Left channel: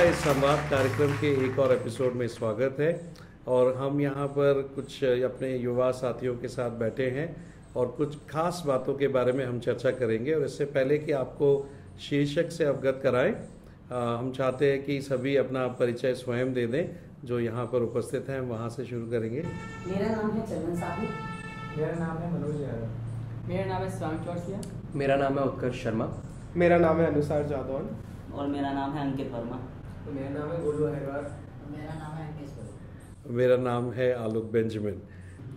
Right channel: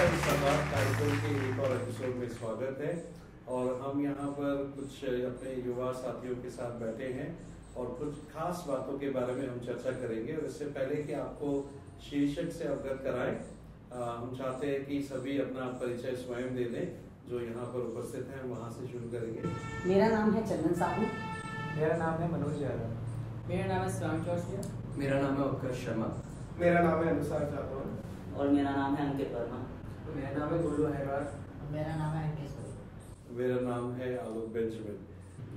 इस संवाद कार्यक्रम के एक और एपिसोड में स्वागत है। और हम यहाँ पर कुछ अपने युवा साथियों के साथ बैठे हैं और कुछ खास बातों के बारे में हम चर्चा करेंगे। और इससे पहले कि आपको शीर्षक से अवगत कराएं, हम चाहते हैं कि सभी अपना परिचय स्वयं दे दें। जो यहाँ पर उपस्थित हैं वहाँ से शुरू करेंगे। मेरा नाम है चंदन साहू। मेरा नाम है मनोज यादव। मेरा नाम है स्वांग चौरसिया। मेरा नाम है उत्कर्ष शर्मा। मेरा नाम है अनुसार जादौन। और मेरा नाम है अंकित वर्मा। तो मेरा नाम है गोलू अहिरवार। मेरा नाम है अंकित। मेरा नाम है आलोक बेंजामिन।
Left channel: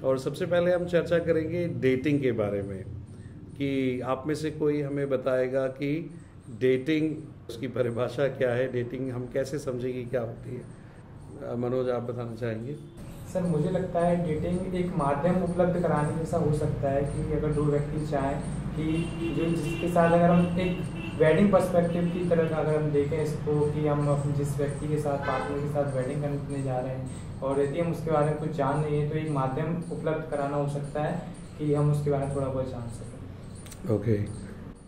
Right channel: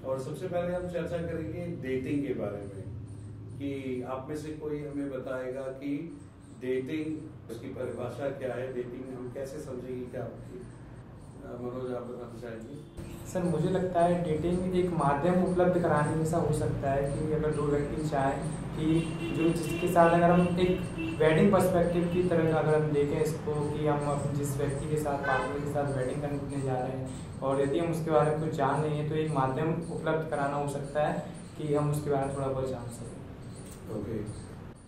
और सबसे पहले हम चर्चा करेंगे डेटिंग के बारे में, कि आप में से कोई हमें बताएगा कि डेटिंग, उसकी परिभाषा क्या है, डेटिंग हम कैसे समझेंगे, क्या होती है। मनोज, आप बताना चाहेंगे? सर, मुझे लगता है डेटिंग एक माध्यम उपलब्ध कराने जैसा हो सकता है कि अगर दो व्यक्ति चाहें कि जो जिसके साथ अगर हम एक वेडिंग पर्सपेक्टिव की तरह अगर हम देखें इसको, कि हम अपने जिस व्यक्ति के साथ, पार्टनर के साथ वेडिंग करने जा रहे हैं और यदि हम उसके बारे में कुछ जान नहीं है तो एक माध्यम उपलब्ध कराना हो सकता है कि हम उसके बारे में थोड़ा बहुत जान सकें। ओके,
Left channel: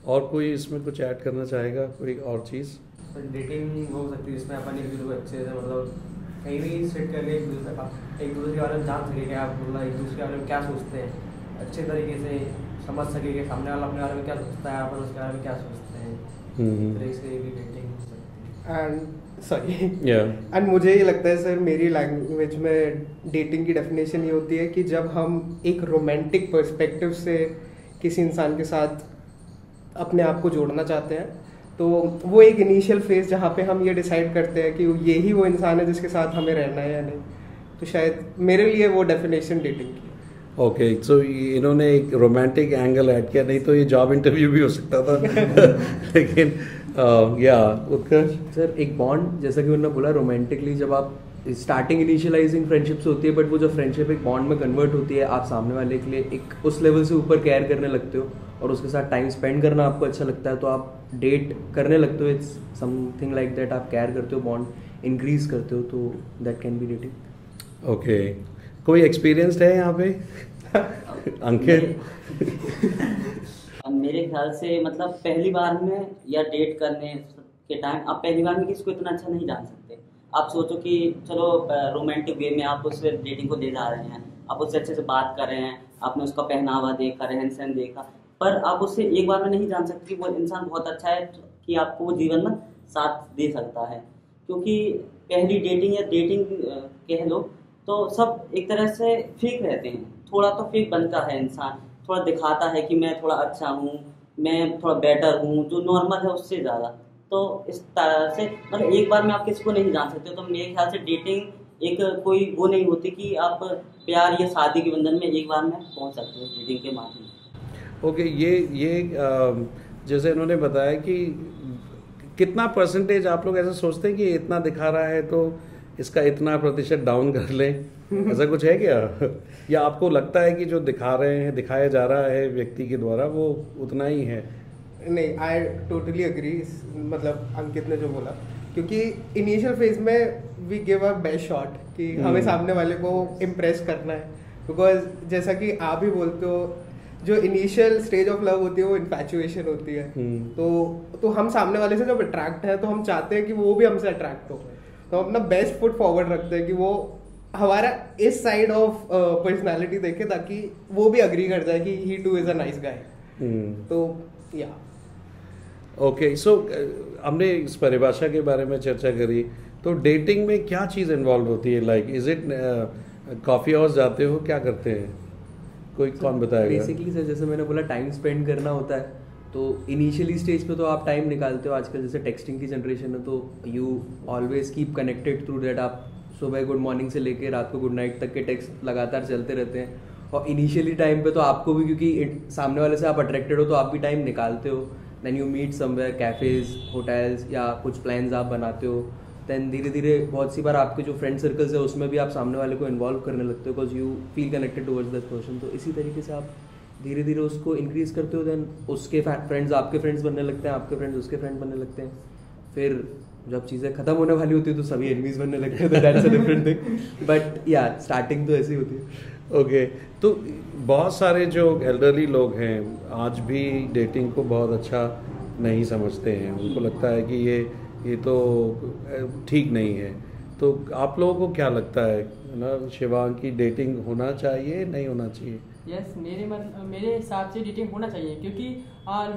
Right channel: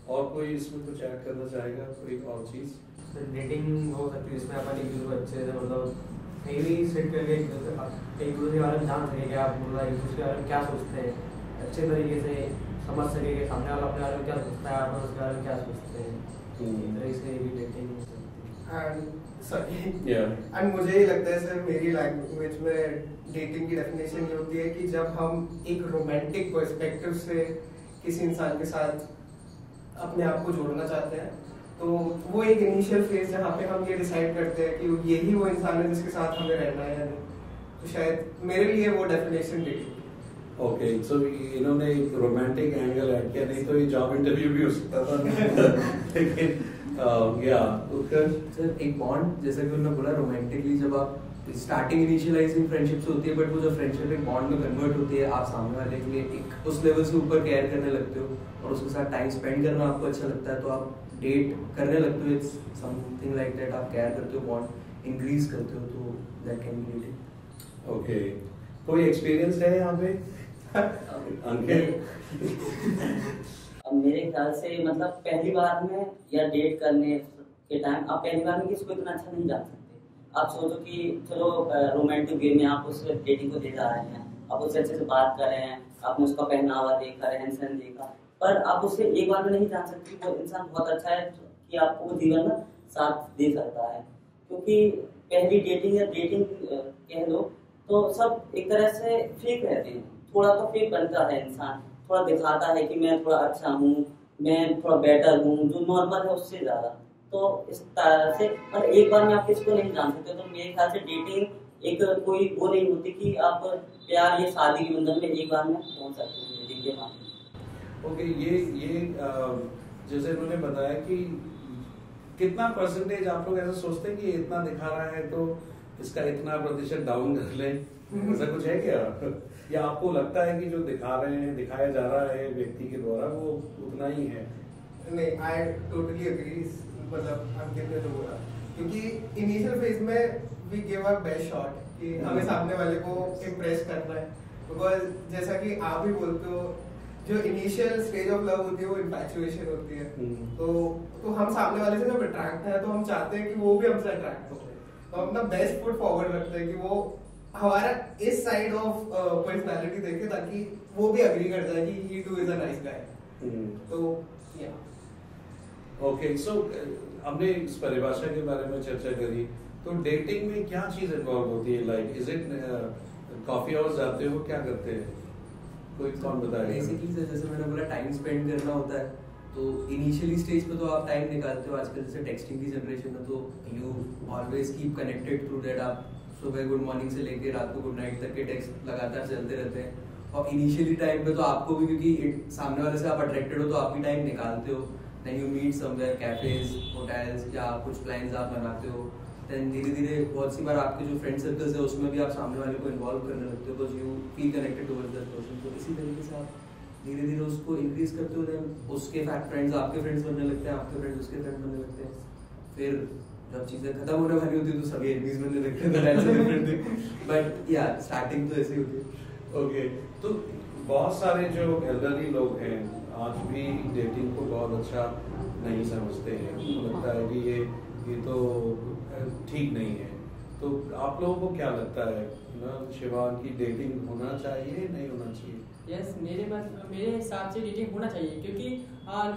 और कोई इसमें कुछ ऐड करना चाहेगा, कोई और चीज़? डेटिंग हो सकती है जिसमें अपन एक दूसरे को अच्छे से मतलब कहीं भी सेट कर ले, एक दूसरे के बारे में जान सके कि आप मतलब एक दूसरे के बारे में क्या सोचते हैं, अच्छे तरीके से समझ सके कि सामने वाला अपने बारे में क्या सोचता है, अपन उसके बारे में क्या सोचते हैं। इस तरह से भी डेटिंग हो सकती है। एंड मुझे ये लगता है सर, मेरी लैंग्वेज में डेटिंग की डेफिनेशन ये होती है कि जब हम एक रोमांटिक पर्सपेक्टिव से किसी इंसान के साथ अपने आप को जोड़ना चाहते हैं, तो वो एक इनिशियल फेज जहाँ पे हम ये डिसाइड करते हैं कि यही वो इंसान है जिसके साथ हमें रहना है या नहीं। तो शायद मेरे लिए वो डेफिनेशन डेटिंग की। ओके, सो इन्होंने एक रोमांटिक एंगल ऐड किया, नहीं तो ये जॉब इंटरव्यू भी हो सकता था। लेकिन या सर, एक बॉन्ड, जैसा कि उन्होंने बोला, रोमांटिकली जब आप स्टार्टिंग इनिशियलाइजिंग फ्रेंडशिप से होती है, बट वो जो फ्रेंडशिप एक बॉन्ड में कन्वर्ट होती है, आप सामने वाले के लिए एक उस लेवल से ऊपर केयर करने लगते हो और उसके साथ टाइम स्पेंड करना आपको अच्छा लगता है, तो आप डेट करने लगते हो। इट्स समथिंग लाइक दैट, आप केयर करते हो, बॉन्ड इंक्रीज करते हो, तो that can be dating. Okay, कोई एक्सपीरियंस्ड है यहाँ पे? अंकित? मेरे ख्याल से मतलब पहली बार में या डेट करने के टाइम आप पहली बार में किसी को इतना अच्छा नहीं जान सकते। आप सोचो कि चलो रोमांटिक वे में आप उससे डेटिंग को दे जा रहे हैं, आप उससे अच्छे से बात कर रहे हैं, आपने उसका पहनावा देखा, रहन सहन देखा, पर आप उससे एक बार में नहीं जान सकते वो इंसान बहुत अच्छा है कि आपको वो जीवन में साथ दे सकता है। क्योंकि पहली डेटिंग या डेटिंग कह लो तो सब एक तरह से फेक रहते हैं, थोड़ा तो फेक बनता है इंसान, थोड़ा दिखाता है कि मैं थोड़ा अच्छा हूँ, मैं थोड़ा बेटर हूँ, जो नॉर्मल है उससे ज़्यादा। तो इस तरह से मतलब एक बार में आप किसको नहीं जान सकते। तो मेरे ख्याल से डेटिंग एक कोई वो नहीं होती कि आप प्यार या शादी के बंधन में एक बार में पहुँच सकते हो डेटिंग के माध्यम से। ओके, ये जैसे इन्होंने बताया कि कितना परसेंटेज आप लोग ऐसा सोचते हैं कि इतना दिखा रहा है तो इसका इतना प्रतिशत डाउन कर लें, ऐसा कुछ है क्या? या आपको लगता है कि जो दिखाया जा रहा है व्यक्ति के द्वारा वो उतना ही है? नहीं, आई टोटली अग्री, मतलब अंकित ने जो बोला, क्योंकि इनिशियल फेज में we give a best shot कि हमें सामने वाले को इम्प्रेस करना है। बिकॉज जैसा कि आप ही बोलते हो, जो इनिशियल स्टेज ऑफ लव होती है वो इन्फैचुएशन होती है। तो हम सामने वाले से जब अट्रैक्ट है तो हम चाहते हैं कि वो भी हमसे अट्रैक्ट हो, तो अपना बेस्ट फुट फॉरवर्ड रखते हैं कि वो हमारा इस साइड ऑफ पर्सनालिटी देखे, ताकि वो भी अग्री कर जाए कि he too is a nice guy. तो या ओके, सो हमने इस परिभाषा के बारे में चर्चा करी, तो डेटिंग में क्या चीज़ इन्वॉल्व होती है? Like is it coffee house जाते हो, क्या करते हैं? कोई कौन बताएगा? बेसिकली सर, जैसे मैंने बोला, टाइम स्पेंड करना होता है। तो इनिशियली स्टेज पे तो आप टाइम निकालते हो। आजकल जैसे टेक्सटिंग की जनरेशन है, तो you always keep connected through that. आप सुबह गुड मॉर्निंग से लेके रात को गुड नाइट तक के टेक्स्ट लगातार चलते रहते हैं। और इनिशियली टाइम पे तो आपको भी, क्योंकि सामने वाले से आप अट्रैक्टेड हो, तो आप भी टाइम निकालते हो। Then you meet somewhere, cafes, hotels, या कुछ प्लान्स आप बनाते हो। देन धीरे धीरे बहुत सी बार आपके जो फ्रेंड सर्कल्स है उसमें भी आप सामने वाले को इन्वॉल्व करने लगते हो, because you feel connected towards that person. तो इसी तरीके से आप धीरे धीरे उसको इंक्रीज करते हो। देन उसके फ्रेंड्स आपके फ्रेंड्स बनने लगते हैं, आपके फ्रेंड्स उसके फ्रेंड बनने लगते हैं। फिर जब चीज़ें खत्म होने वाली होती है तो सभी एनिमीज बनने लगते हैं, तो that's a different thing. But या स्टार्टिंग तो ऐसी होती है। ओके, तो बहुत सारे जो एल्डरली लोग हैं आज भी डेटिंग को बहुत अच्छा नहीं समझते हैं। उनको लगता है कि ये ये तो ठीक नहीं है। तो आप लोगों को क्या लगता है ना, शिवांग की डेटिंग होना चाहिए नहीं होना चाहिए? यस मेरे हिसाब से डेटिंग होना चाहिए, क्योंकि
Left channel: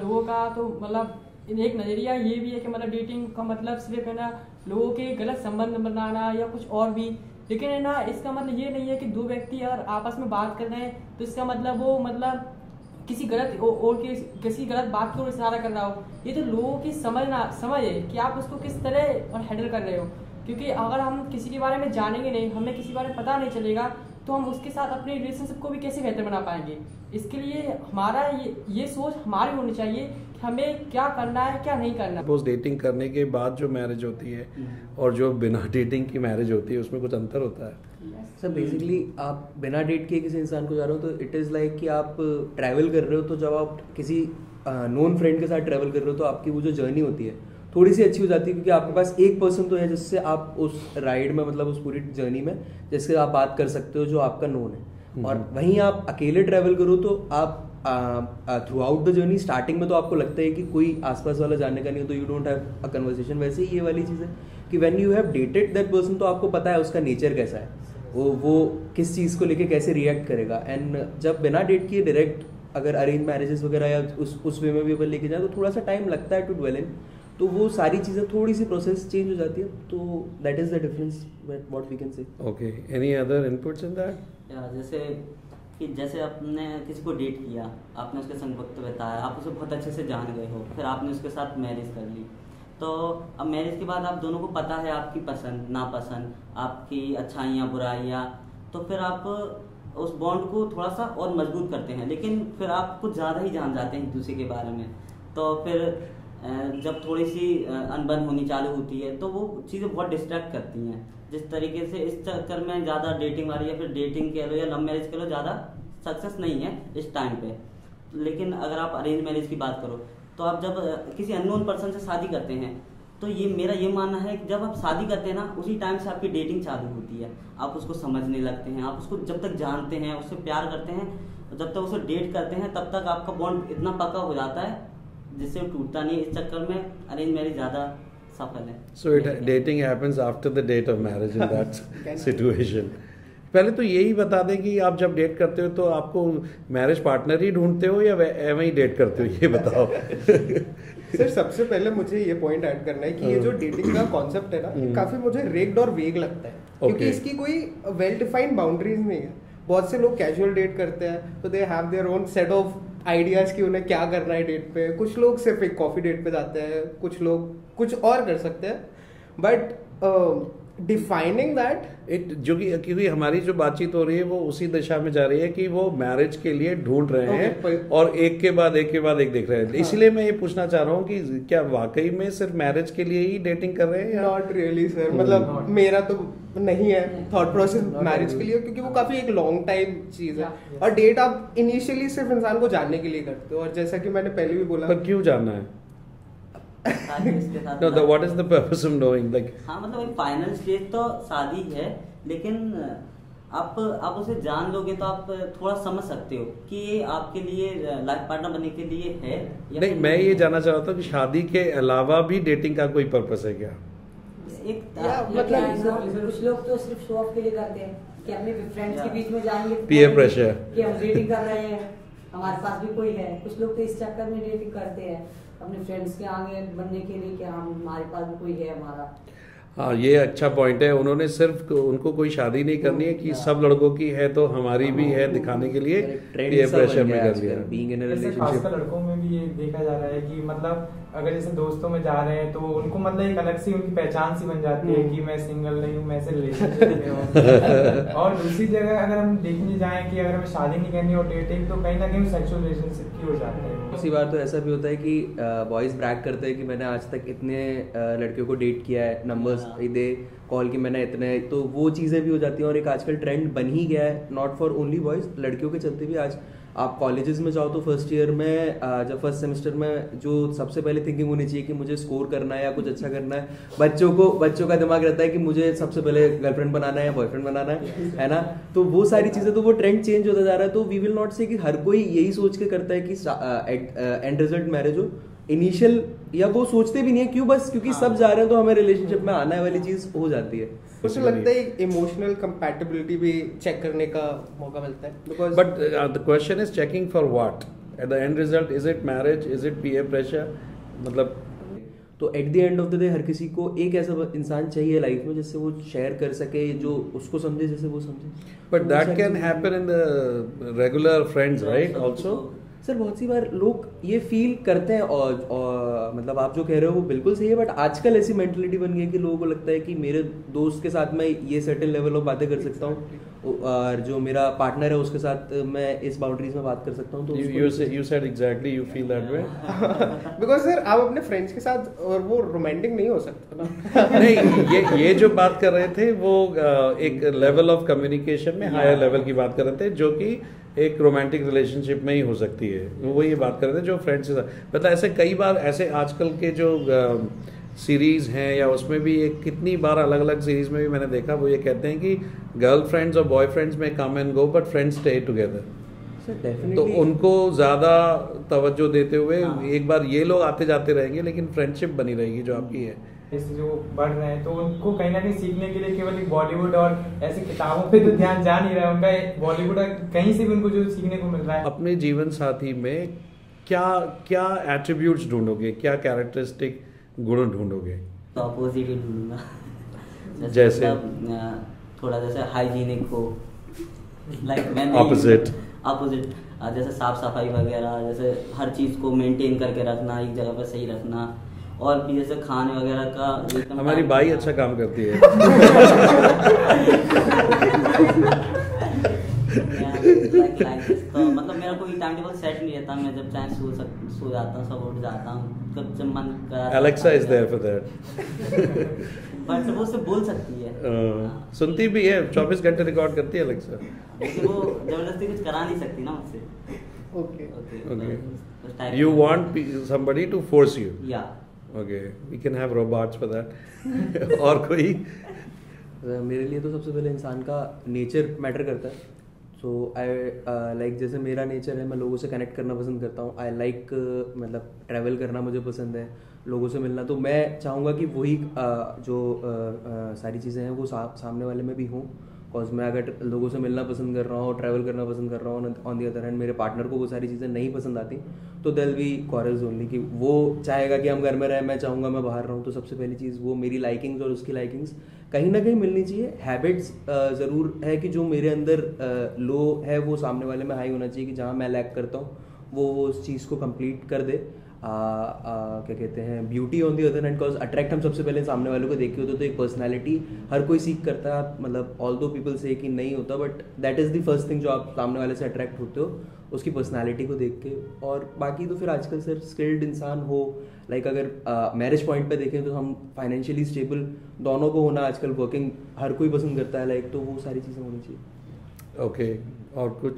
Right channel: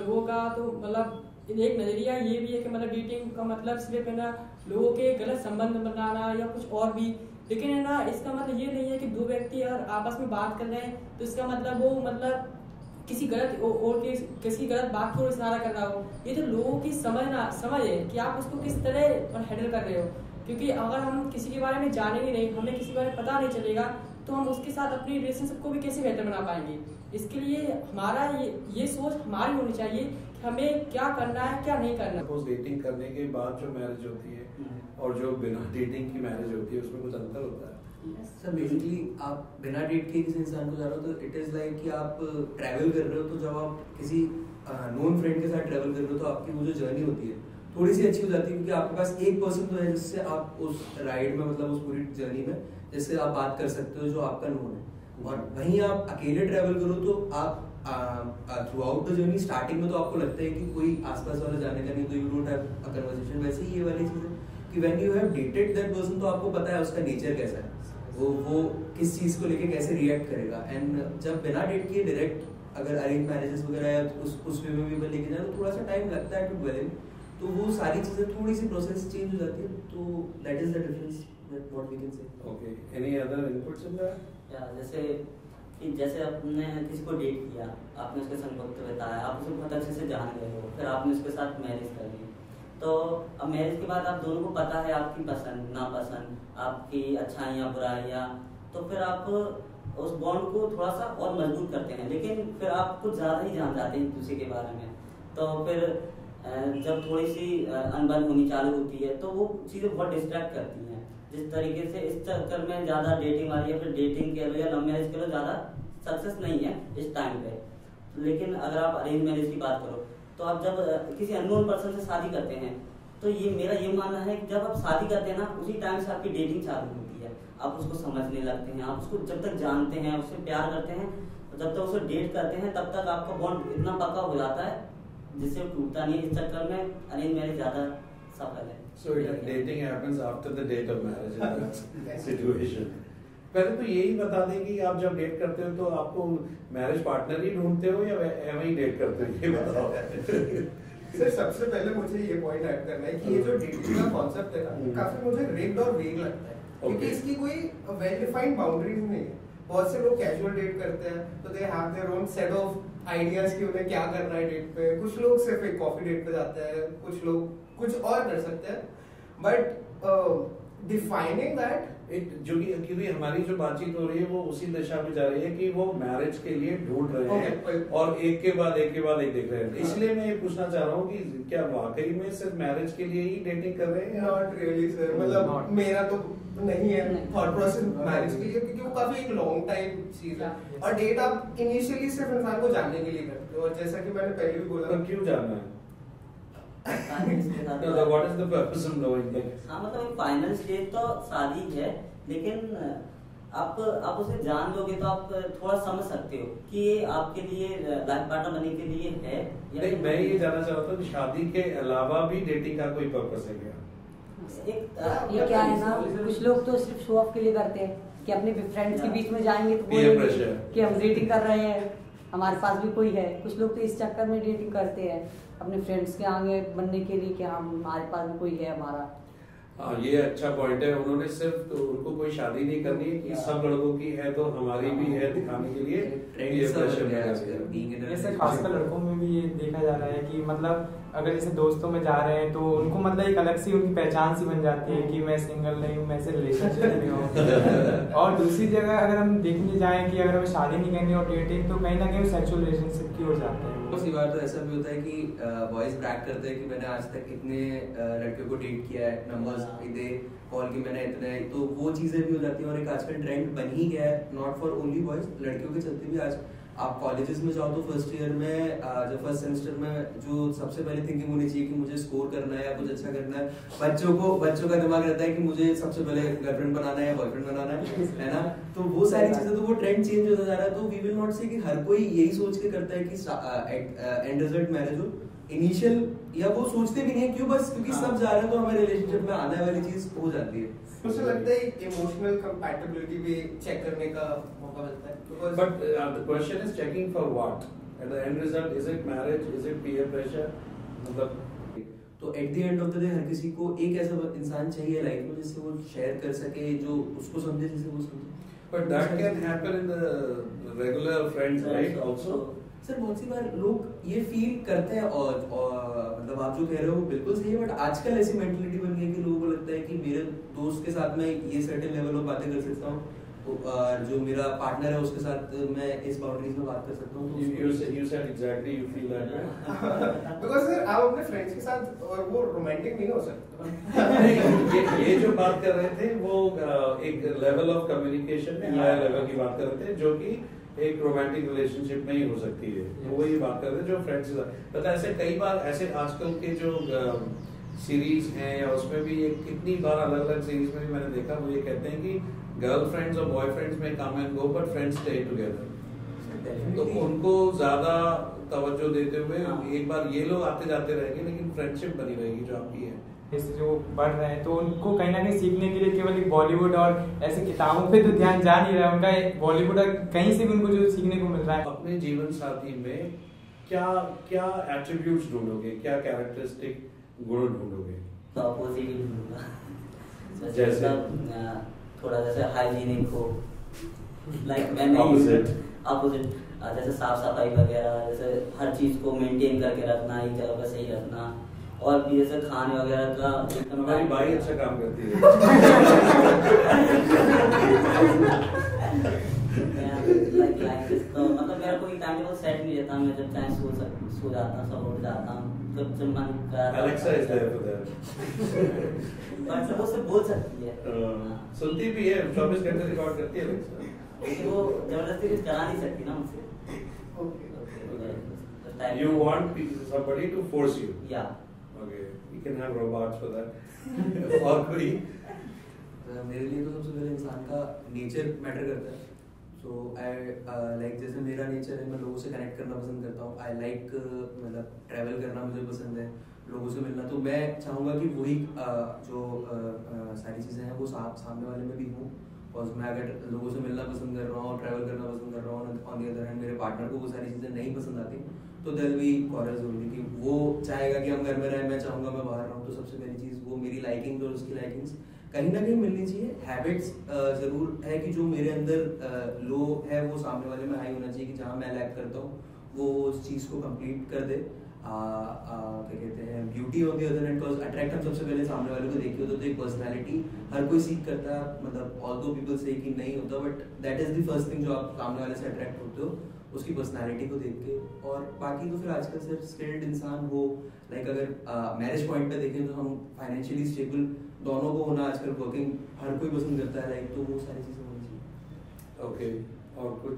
लोगों का तो मतलब एक नज़रिया ये भी है कि मतलब डेटिंग का मतलब सिर्फ है ना लोगों के गलत संबंध बनाना या कुछ और भी, लेकिन है ना इसका मतलब ये नहीं है कि दो व्यक्ति अगर आपस में बात कर रहे हैं तो इसका मतलब वो मतलब किसी गलत और किसी गलत बात की ओर इशारा कर रहा हो। ये तो लोगों की समझ है कि आप उसको किस तरह और हैंडल कर रहे हो, क्योंकि अगर हम किसी के बारे में जानेंगे नहीं, हमें किसी के बारे में पता नहीं चलेगा, तो हम उसके साथ अपने रिलेशनशिप को भी कैसे बेहतर बना पाएंगे। इसके लिए हमारा ये सोच हमारी होनी चाहिए कि हमें क्या करना है क्या नहीं करना। सपोज डेटिंग करने के बाद जो मैरिज होती है और जो बिना डेटिंग की मैरिज होती है उसमें कुछ अंतर होता है? सर बेसिकली आप बिना डेट के किसी इंसान को जा रहे हो तो इट इज़ लाइक कि आप ट्रैवल कर रहे हो, तो जब आप किसी नोन फ्रेंड के साथ ट्रैवल कर रहे हो तो आपकी वो जो जर्नी होती है थोड़ी सी अच्छी हो जाती है, क्योंकि आपके पास एक पर्सन तो है जिससे आप उस राइड में मतलब उस पूरी जर्नी में जिससे आप बात कर सकते हो जो आपका नोन है। और वहीं आप अकेले ट्रैवल करो तो आप through out the journey starting में तो आपको लगता है कि कोई आसपास वाला जानने का नहीं है तो you don't have a conversation. वैसे ही ये वाली चीज़ है कि when you have dated that person तो आपको पता है उसका नेचर कैसा है, वो किस चीज़ को लेके कैसे रिएक्ट करेगा। एंड जब बिना डेट किए डायरेक्ट अगर अरेंज मैरिजेस वगैरह या उस वे में भी अपन लेके जाए तो थोड़ा सा टाइम लगता है टू ड्वेल इन, तो वो सारी चीज़ें थोड़ी सी प्रोसेस चेंज हो जाती है, तो that is the difference what we can say. Okay, any other inputs in that? जैसे आपने किसी को डेट किया, आपने उसके संग वक्त बिताया, आप उसे बहुत अच्छे से जान गए हो, फिर आपने उसके साथ मैरिज कर ली, तो अब मैरिज के बाद आप दोनों को पता है आपकी पसंद नापसंद, आपकी अच्छाइयाँ बुराइयाँ, तो फिर आप उस बॉन्ड को थोड़ा सा और मजबूत करते हैं, लेकिन फिर आप कुछ ज़्यादा ही जान जाते हैं एक दूसरे के बारे में। तो फिर जब थोड़ी सी अनबन होनी चालू होती है तो वो चीज़ें बहुत डिस्ट्रैक्ट करती हैं। जिस तरीके से इस चक्कर में ज़्यादा डेटिंग वाली या फिर डेटिंग कह लो या लव मैरिज कह लो ज़्यादा सक्सेस नहीं है इस टाइम पे। लेकिन अगर आप अरेंज मैरिज की बात करो तो आप जब किसी अननोन पर्सन से शादी करते हैं तो ये मेरा ये मानना है कि जब आप शादी करते हैं ना उसी टाइम से आपकी डेटिंग चालू होती है। आप उसको समझने लगते हैं, आप उसको जब तक जानते हैं, उससे प्यार करते हैं, जब तक उसे डेट करते हैं तब तक आपका बॉन्ड इतना पक्का हो जाता है जिससे वो टूटता नहीं है। इस चक्कर में अरेंज मैरिज ज़्यादा सफल है। So dating happens after the date of marriage in that situation. पहले तो यही बता दें कि आप जब डेट करते हो तो आपको मैरिज पार्टनर ही ढूंढते हो या ऐਵੇਂ ही डेट करते हो, ये बताओ। सर सबसे पहले मुझे ये पॉइंट ऐड करना है कि ये जो डेटिंग का कॉन्सेप्ट है ना काफी मुझे रेग्ड और वेग लगता है, क्योंकि इसकी कोई वेल डिफाइंड बाउंड्रीज नहीं है। बहुत से लोग कैजुअल डेट करते हैं तो they have their own set of ideas कि उन्हें क्या करना है डेट पे। कुछ लोग सिर्फ एक कॉफी डेट पे जाते हैं, कुछ लोग कुछ और कर सकते हैं, बट डिफाइनिंग दैट जो कि क्योंकि हमारी जो बातचीत हो रही है वो उसी दिशा में जा रही है कि वो मैरिज के लिए ढूंढ रहे हैं और एक के बाद एक देख रहे हैं। इसलिए मैं ये पूछना चाह रहा हूँ कि क्या वाकई में सिर्फ मैरिज के लिए ही डेटिंग कर रहे हैं? नॉट रियली सर, मतलब मेरा तो नहीं है थॉट प्रोसेस मैरिज के लिए, क्योंकि वो काफी एक लॉन्ग टाइम चीज है और डेट आप इनिशियली सिर्फ इंसान को जानने के लिए करते हो। और जैसा कि मैंने पहले भी बोला, पर क्यों जानना है? No, what is the purpose of knowing? Like, हाँ मतलब एक फाइनल स्टेज तो शादी है, लेकिन आप उसे जान लोगे तो आप थोड़ा समझ सकते हो कि ये आपके लिए लाइफ पार्टनर बनने के लिए है या नहीं। मैं ये जानना चाह रहा था कि शादी के अलावा भी डेटिंग का कोई पर्पस है क्या? एक ये क्या है ना, कुछ लोग तो सिर्फ शो ऑफ के लिए करते हैं कि अपने फ्रेंड्स के बीच में जाएंगे तो Peer pressure. कि हम डेटिंग कर रहे हैं, हमारे पास भी कोई है। कुछ लोग तो इस चक्कर में डेटिंग करते हैं अपने फ्रेंड्स के आगे बनने के लिए कि हम हमारे पास भी कोई है हमारा। हाँ, ये अच्छा पॉइंट है। उन्होंने सिर्फ उनको कोई शादी नहीं करनी है कि सब लड़कों की है तो हमारी भी है दिखाने के लिए peer pressure में कर दिया। जैसे खासकर लड़कों में भी ये देखा जा रहा है कि मतलब अगर जैसे दोस्तों में जा रहे हैं तो उनको मतलब एक अलग सी उनकी पहचान सी बन जाती है कि मैं सिंगल नहीं हूँ, मैं से रिलेशनशिप में हूँ। और दूसरी जगह अगर हम देखने जाएं कि अगर हमें शादी नहीं करनी और डेटिंग, तो कहीं ना कहीं सेक्सुअल रिलेशनशिप की हो जाता है। उसी बार तो ऐसा भी होता है कि बॉयज ब्रैग करते हैं कि मैंने आज तक इतने लड़कियों को डेट किया है, नंबर्स दे कॉल की मैंने इतने, तो वो चीज़ें भी हो जाती हैं। और एक आजकल ट्रेंड बन ही गया है, नॉट फॉर ओनली बॉयज, लड़कियों के चलते भी। आज आप कॉलेजेस में जाओ तो फर्स्ट ईयर में जब फर्स्ट सेमेस्टर में जो सबसे पहले थिंकिंग होनी चाहिए कि मुझे स्कोर करना है या कुछ अच्छा करना है, बच्चों का दिमाग रहता है कि मुझे सबसे पहले गर्लफ्रेंड बनाना है या बॉयफ्रेंड बनाना है ना। तो वो सारी चीजें, तो वो ट्रेंड चेंज होता जा रहा है। तो वी विल नॉट से कि हर कोई यही सोच के करता है कि एंड रिजल्ट मैरिज हो, इनिशियल या वो सोचते भी नहीं है क्यों, बस क्योंकि सब जा रहे हैं तो हमें रिलेशनशिप में आने वाली चीज हो जाती है। मुझे लगता है इमोशनल कंपैटिबिलिटी भी चेक करने का मौका मिलता है। But the question is checking for what at the end result, is it marriage, is it peer pressure, मतलब तो at the end of the day हर किसी को एक ऐसा इंसान चाहिए लाइफ में जिससे वो शेयर कर सके, जो उसको समझे जैसे वो समझे। But that can happen in the regular friends right also. Sir बहुत सी बार लोग ये फील करते हैं और मतलब आप जो कह रहे हो वो बिल्कुल सही है, बट आजकल ऐसी मेंटलिटी बन गई है कि लोगों को लगता है कि मेरे दोस्त के साथ मैं ये सर्टेन लेवल ऑफ बातें कर सकता हूँ और जो मेरा पार्टनर है उसके साथ मैं इस बाउंड्रीज में बात कर सकता हूँ। तो you said exactly you feel that way because sir आप अपने फ्रेंड्स के साथ और वो रोमांटिक नहीं हो सकता नहीं, ये जो बात कर रहे थे वो एक लेवल ऑफ कम्युनिकेशन में हायर लेवल की बात कर रहे थे, जो कि एक रोमांटिक रिलेशनशिप में ही हो सकती है। वो ये बात कर रहे थे जो फ्रेंड्स के साथ। पता है ऐसे कई बार ऐसे आजकल के जो सीरीज हैं या उसमें भी एक कितनी बार अलग अलग सीरीज में भी मैंने देखा, वो ये कहते हैं कि गर्लफ्रेंड्स और बॉयफ्रेंड्स में come and go but friends stay together. तो उनको ज्यादा तवज्जो देते हुए एक बार ये लोग आते जाते रहेंगे लेकिन फ्रेंडशिप बनी रहेगी जो आपकी है। जैसे जो बढ़ रहे हैं तो उनको कहीं ना कहीं सीखने के लिए केवल बॉलीवुड और ऐसे किताबों पे तो ध्यान जा नहीं रहा है उनका, बॉलीवुड कहीं से भी उनको जो सीखने को मिल रहा है। अपने जीवन साथी में क्या क्या एट्रीब्यूट्स ढूंढोगे, क्या कैरेक्टरिस्टिक गुण ढूंढोगे? तो अपोजिट ही ढूंढूंगा, जैसे थोड़ा जैसे हाइजीनिक हो, लाइक मैं ऑपोजिट जैसे साफ सफाई वगैरह, जैसे हर चीज को मेंटेन करके रखना, एक जगह पर सही रखना, और भी जैसे खाने वगैरह का हमारी बाई अच्छा काम करती है तो मतलब मेरा कोई टाइम टेबल सेट नहीं रहता, मैं जब चाहे सो जाता हूँ, सब उठ जाता हूँ, जब मन कर। Alexa is there for that but वो सब बोल सकती है, सुनती भी है, 24 घंटे रिकॉर्ड करती है Alexa, लेकिन वो जबरदस्ती कुछ करा नहीं सकती ना मुझसे। Okay. You want somebody to force you? Yeah. Okay, we can have robots for that. और कोई? मेरे लिए तो सबसे पहले इंसान का नेचर मैटर करता है। सो आई लाइक जैसे मेरा नेचर है, मैं लोगों से कनेक्ट करना पसंद करता हूँ। आई लाइक मतलब ट्रैवल करना मुझे पसंद है, लोगों से मिलना। तो मैं चाहूँगा कि वही जो सारी चीज़ें हैं वो सामने वाले में भी हों। बिकॉज मैं अगर लोगों से मिलना पसंद कर रहा हूँ, ट्रैवल करना पसंद कर रहा हूँ, ऑन दी अदर हैंड मेरे पार्टनर को वो सारी चीज़ें नहीं पसंद आती, तो there will be quarrels only. कि वो चाहेगा कि हम घर में रहें, मैं चाहूँगा मैं बाहर रहूँ। तो सबसे पहली चीज़ वो मेरी लाइकिंग्स और उसकी लाइकिंग्स कहीं ना कहीं मिलनी चाहिए। हैबिट्स ज़रूर है कि जो मेरे अंदर लो है वो सामने वाले में हाई होना चाहिए, कि जहाँ मैं लैक करता हूँ वो उस चीज़ को कंप्लीट कर दे। क्या कहते हैं, beauty on the other hand, because attract हम सबसे पहले सामने वालों को देख के होते, तो एक पर्सनैलिटी हर कोई सीख करता है। मतलब ऑल दो पीपल से कि नहीं होता, but that is the first thing जो आप सामने वाले से अट्रैक्ट होते हो, उसकी पर्सनैलिटी को देख के। और बाकी तो फिर आजकल सिर्फ स्किल्ड इंसान हो, लाइक अगर मैरिज पॉइंट पे देखें तो हम फाइनेंशियली स्टेबल दोनों को होना आजकल वर्किंग हर कोई पसंद करता है, लाइक तो वो सारी चीज़ें होनी चाहिए। ओके, और कुछ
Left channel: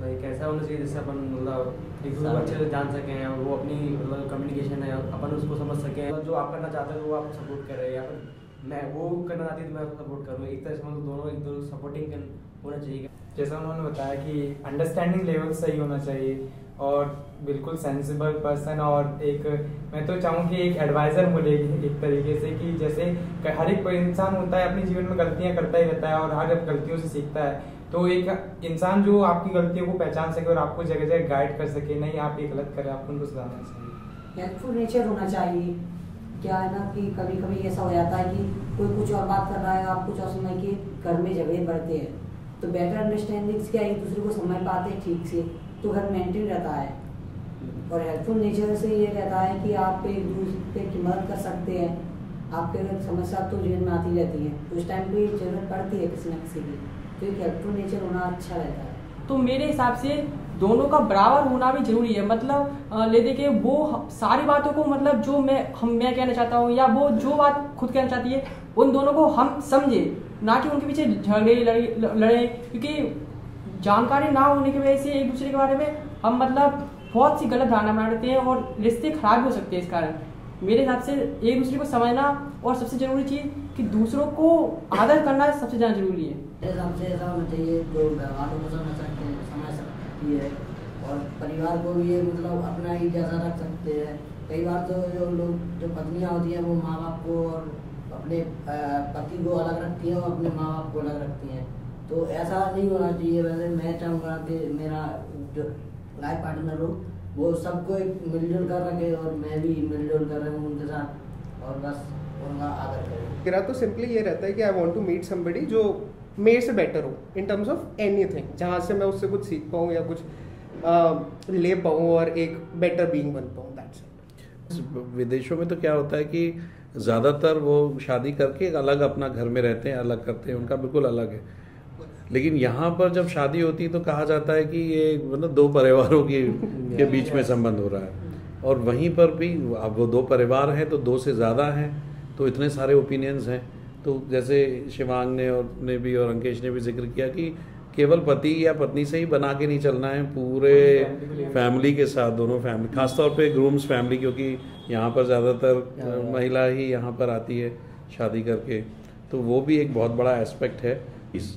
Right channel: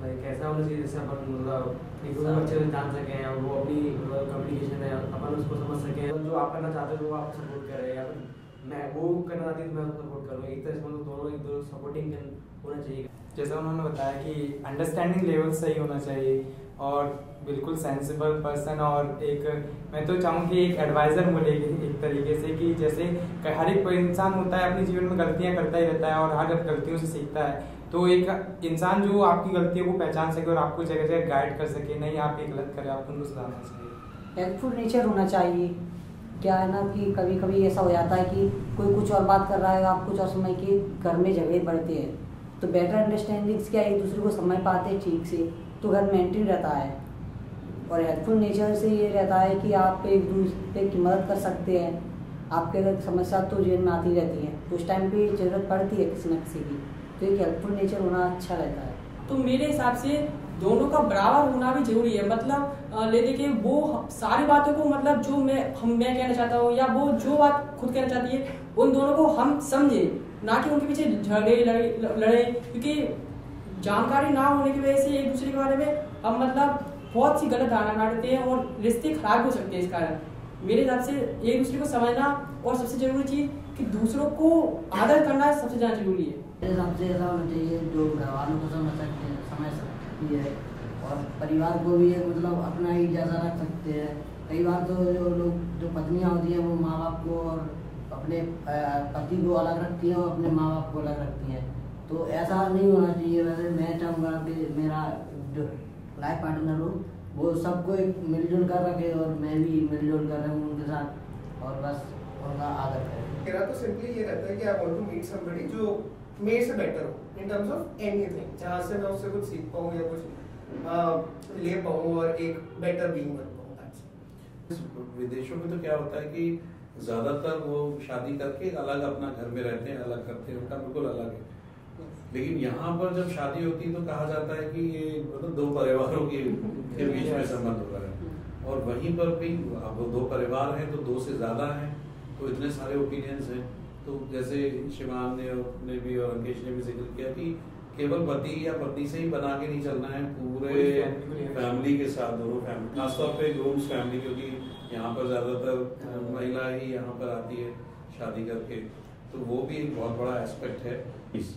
लाइक ऐसा होना चाहिए जैसे अपन मतलब एक दूसरे को अच्छे से जान सकें और वो अपनी मतलब कम्युनिकेशन है अपन उसको समझ सकें, जो आप करना चाहते हो वो आपको सपोर्ट करे, या फिर मैं वो करना चाहती हूँ तो मैं उसको सपोर्ट करूँ। एक तरह से मतलब दोनों एक दो सपोर्टिंग होना चाहिए। जैसा उन्होंने बताया कि अंडरस्टैंडिंग लेवल सही होना चाहिए और बिल्कुल सेंसिबल पर्सन, और एक मैं तो चाहूँ कि एक एडवाइज़र मिलेगी एक तरीके से, कि जैसे हर एक इंसान होता है अपने जीवन में गलतियाँ करता ही रहता है और हर गलतियों से सीखता है। तो एक इंसान जो आपकी गलतियों को पहचान सके और आपको जगह जगह गाइड कर सके, नहीं आप ये गलत करें, आपको उनको सुधारना चाहिए। हेल्पफुल नेचर होना चाहिए। क्या है ना कि कभी कभी ऐसा हो जाता है कि कोई कुछ और बात कर रहा है, आप कुछ और समय के घर में झगड़े बढ़ते हैं, तो बेटर अंडरस्टैंडिंग क्या एक दूसरे को समझ पाते हैं ठीक से, तो घर मेंटेन रहता है। और हेल्पफुल नेचर से ये रहता है कि आप एक दूसरे की मदद कर सकते हैं। आपके अगर समस्या तो जीवन में आती रहती है, उस टाइम पे जरूरत पड़ती है किसी न किसी की, तो एक हेल्पफुल नेचर होना अच्छा रहता है। तो मेरे हिसाब से दोनों का बराबर होना भी जरूरी है। मतलब ले देखिए वो सारी बातों को मतलब जो मैं कहना चाहता हूँ या वो जो बात खुद कहना चाहती है, उन दोनों को हम समझे, ना कि उनके पीछे झगड़े लड़े। क्योंकि जानकारी ना होने की वजह से एक दूसरे के बारे में हम मतलब बहुत सी गलत धारणा बना लेते हैं और रिश्ते खराब हो सकते हैं इस कारण। मेरे हिसाब से एक दूसरे को समझना और सबसे जरूरी चीज़ कि दूसरों को आदर करना सबसे ज़्यादा जरूरी है। मेरे हिसाब से ऐसा होना चाहिए जो घर वालों को समझ सकते है और परिवार को भी एक मतलब अपना ही जैसा रख सकते हैं। कई बार तो जो लोग जो पत्नियां होती हैं वो माँ बाप को और अपने पति को अलग रखती हैं और अपने माँ बाप को अलग रखती हैं, तो ऐसा नहीं होना चाहिए। वैसे मैं चाहूँगा कि मेरा जो लाइफ पार्टनर हो वो सबको एक मिलजुल कर रखे और मैं भी मिलजुल कर रहूँ उनके साथ और बस उनका आदर करें। मेरा तो सिंपली ये रहता है कि I want to meet somebody जो मेरे से बेटर हो इन टर्म्स ऑफ एनीथिंग, जहाँ से मैं उससे कुछ सीख पाऊँ या कुछ ले पाऊँ और एक बेटर बीइंग बन पाऊँ। विदेशों में तो क्या होता है कि ज़्यादातर वो शादी करके एक अलग अपना घर में रहते हैं, अलग करते हैं, उनका बिल्कुल अलग है। लेकिन यहाँ पर जब शादी होती है तो कहा जाता है कि ये मतलब दो परिवारों के बीच में संबंध हो रहा है, और वहीं पर भी अब वो दो परिवार हैं तो दो से ज़्यादा हैं, तो इतने सारे ओपिनियंस हैं। तो जैसे शिवांग ने भी और अंकेश ने भी जिक्र किया कि केवल पति या पत्नी से ही बना के नहीं चलना है, पूरे फैमिली के साथ, दोनों फैमिली, खासतौर पे ग्रूम्स फैमिली, क्योंकि यहाँ पर ज़्यादातर महिला ही यहाँ पर आती है शादी करके, तो वो भी एक बहुत बड़ा एस्पेक्ट है। इस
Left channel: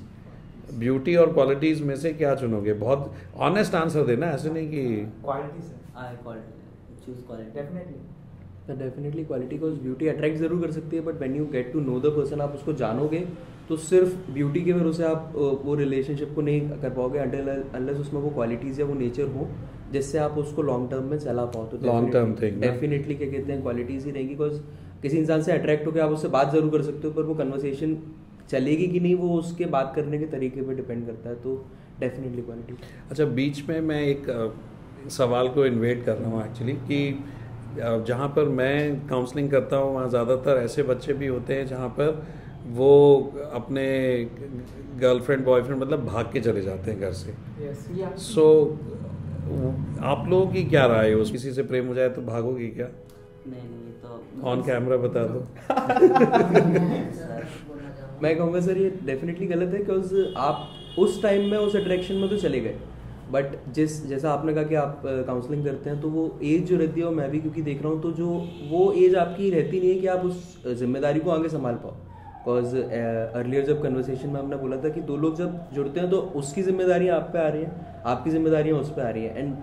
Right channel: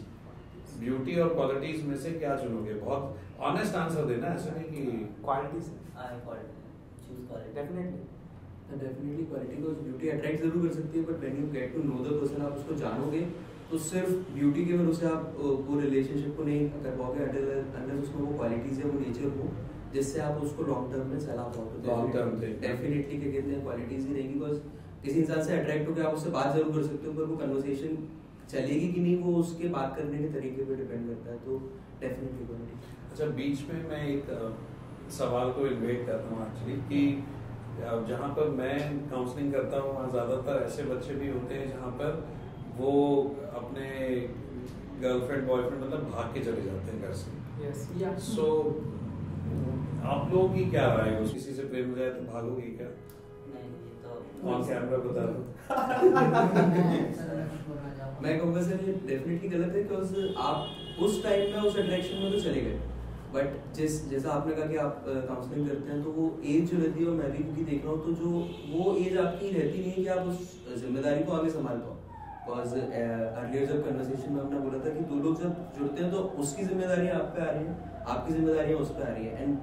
ब्यूटी और क्वालिटीज़ में से क्या चुनोगे? बहुत ऑनेस्ट आंसर देना, ऐसे नहीं कि qualities choose quality. Definitely quality को ब्यूटी अट्रैक्ट जरूर कर सकती है, but when you get to know the person, आप उसको जानोगे तो सिर्फ ब्यूटी के भरोसे आप वो रिलेशनशिप को नहीं कर पाओगे अनलेस उसमें वो क्वालिटीज या वो नेचर हो जिससे आप उसको लॉन्ग टर्म में चला पाओ। तो लॉन्ग टर्म थिंग डेफिनेटली क्या कहते हैं, क्वालिटीज ही रहेगी। बिकॉज किसी इंसान से अट्रैक्ट होकर आप उससे बात जरूर कर सकते हो, पर वो कन्वर्सेशन चलेगी कि नहीं वो उसके बात करने के तरीके पे डिपेंड करता है। तो डेफिनेटली क्वालिटी। अच्छा, बीच में मैं एक सवाल को इन्वेट कर रहा हूँ एक्चुअली, कि जहाँ पर मैं काउंसलिंग करता हूँ वहाँ ज़्यादातर ऐसे बच्चे भी होते हैं जहाँ पर वो अपने गर्लफ्रेंड बॉयफ्रेंड मतलब भाग के चले जाते हैं घर से। सो आप लोगों की क्या राय है? किसी से प्रेम हो जाए तो भागोगी क्या? नहीं तो ऑन कैमरा बता दो। मैं कहूँगा सर ये डेफिनेटली गलत है, बिकॉज आप उस टाइम में उस अट्रैक्शन में तो चले गए, बट जैसा आपने कहा कि आप काउंसलिंग करते हैं, तो वो एज जो रहती है, और मैं भी क्योंकि देख रहा हूँ, तो जो वो एज आपकी रहती नहीं है कि आप उस जिम्मेदारी को आगे संभाल पाओ। बिकॉज अर्लियर जब कन्वर्सेशन में आपने बोला था कि दो लोग जब जुड़ते हैं तो उसकी जिम्मेदारियाँ आप पे आ रही हैं, आपकी जिम्मेदारियाँ उस पर आ रही है। एंड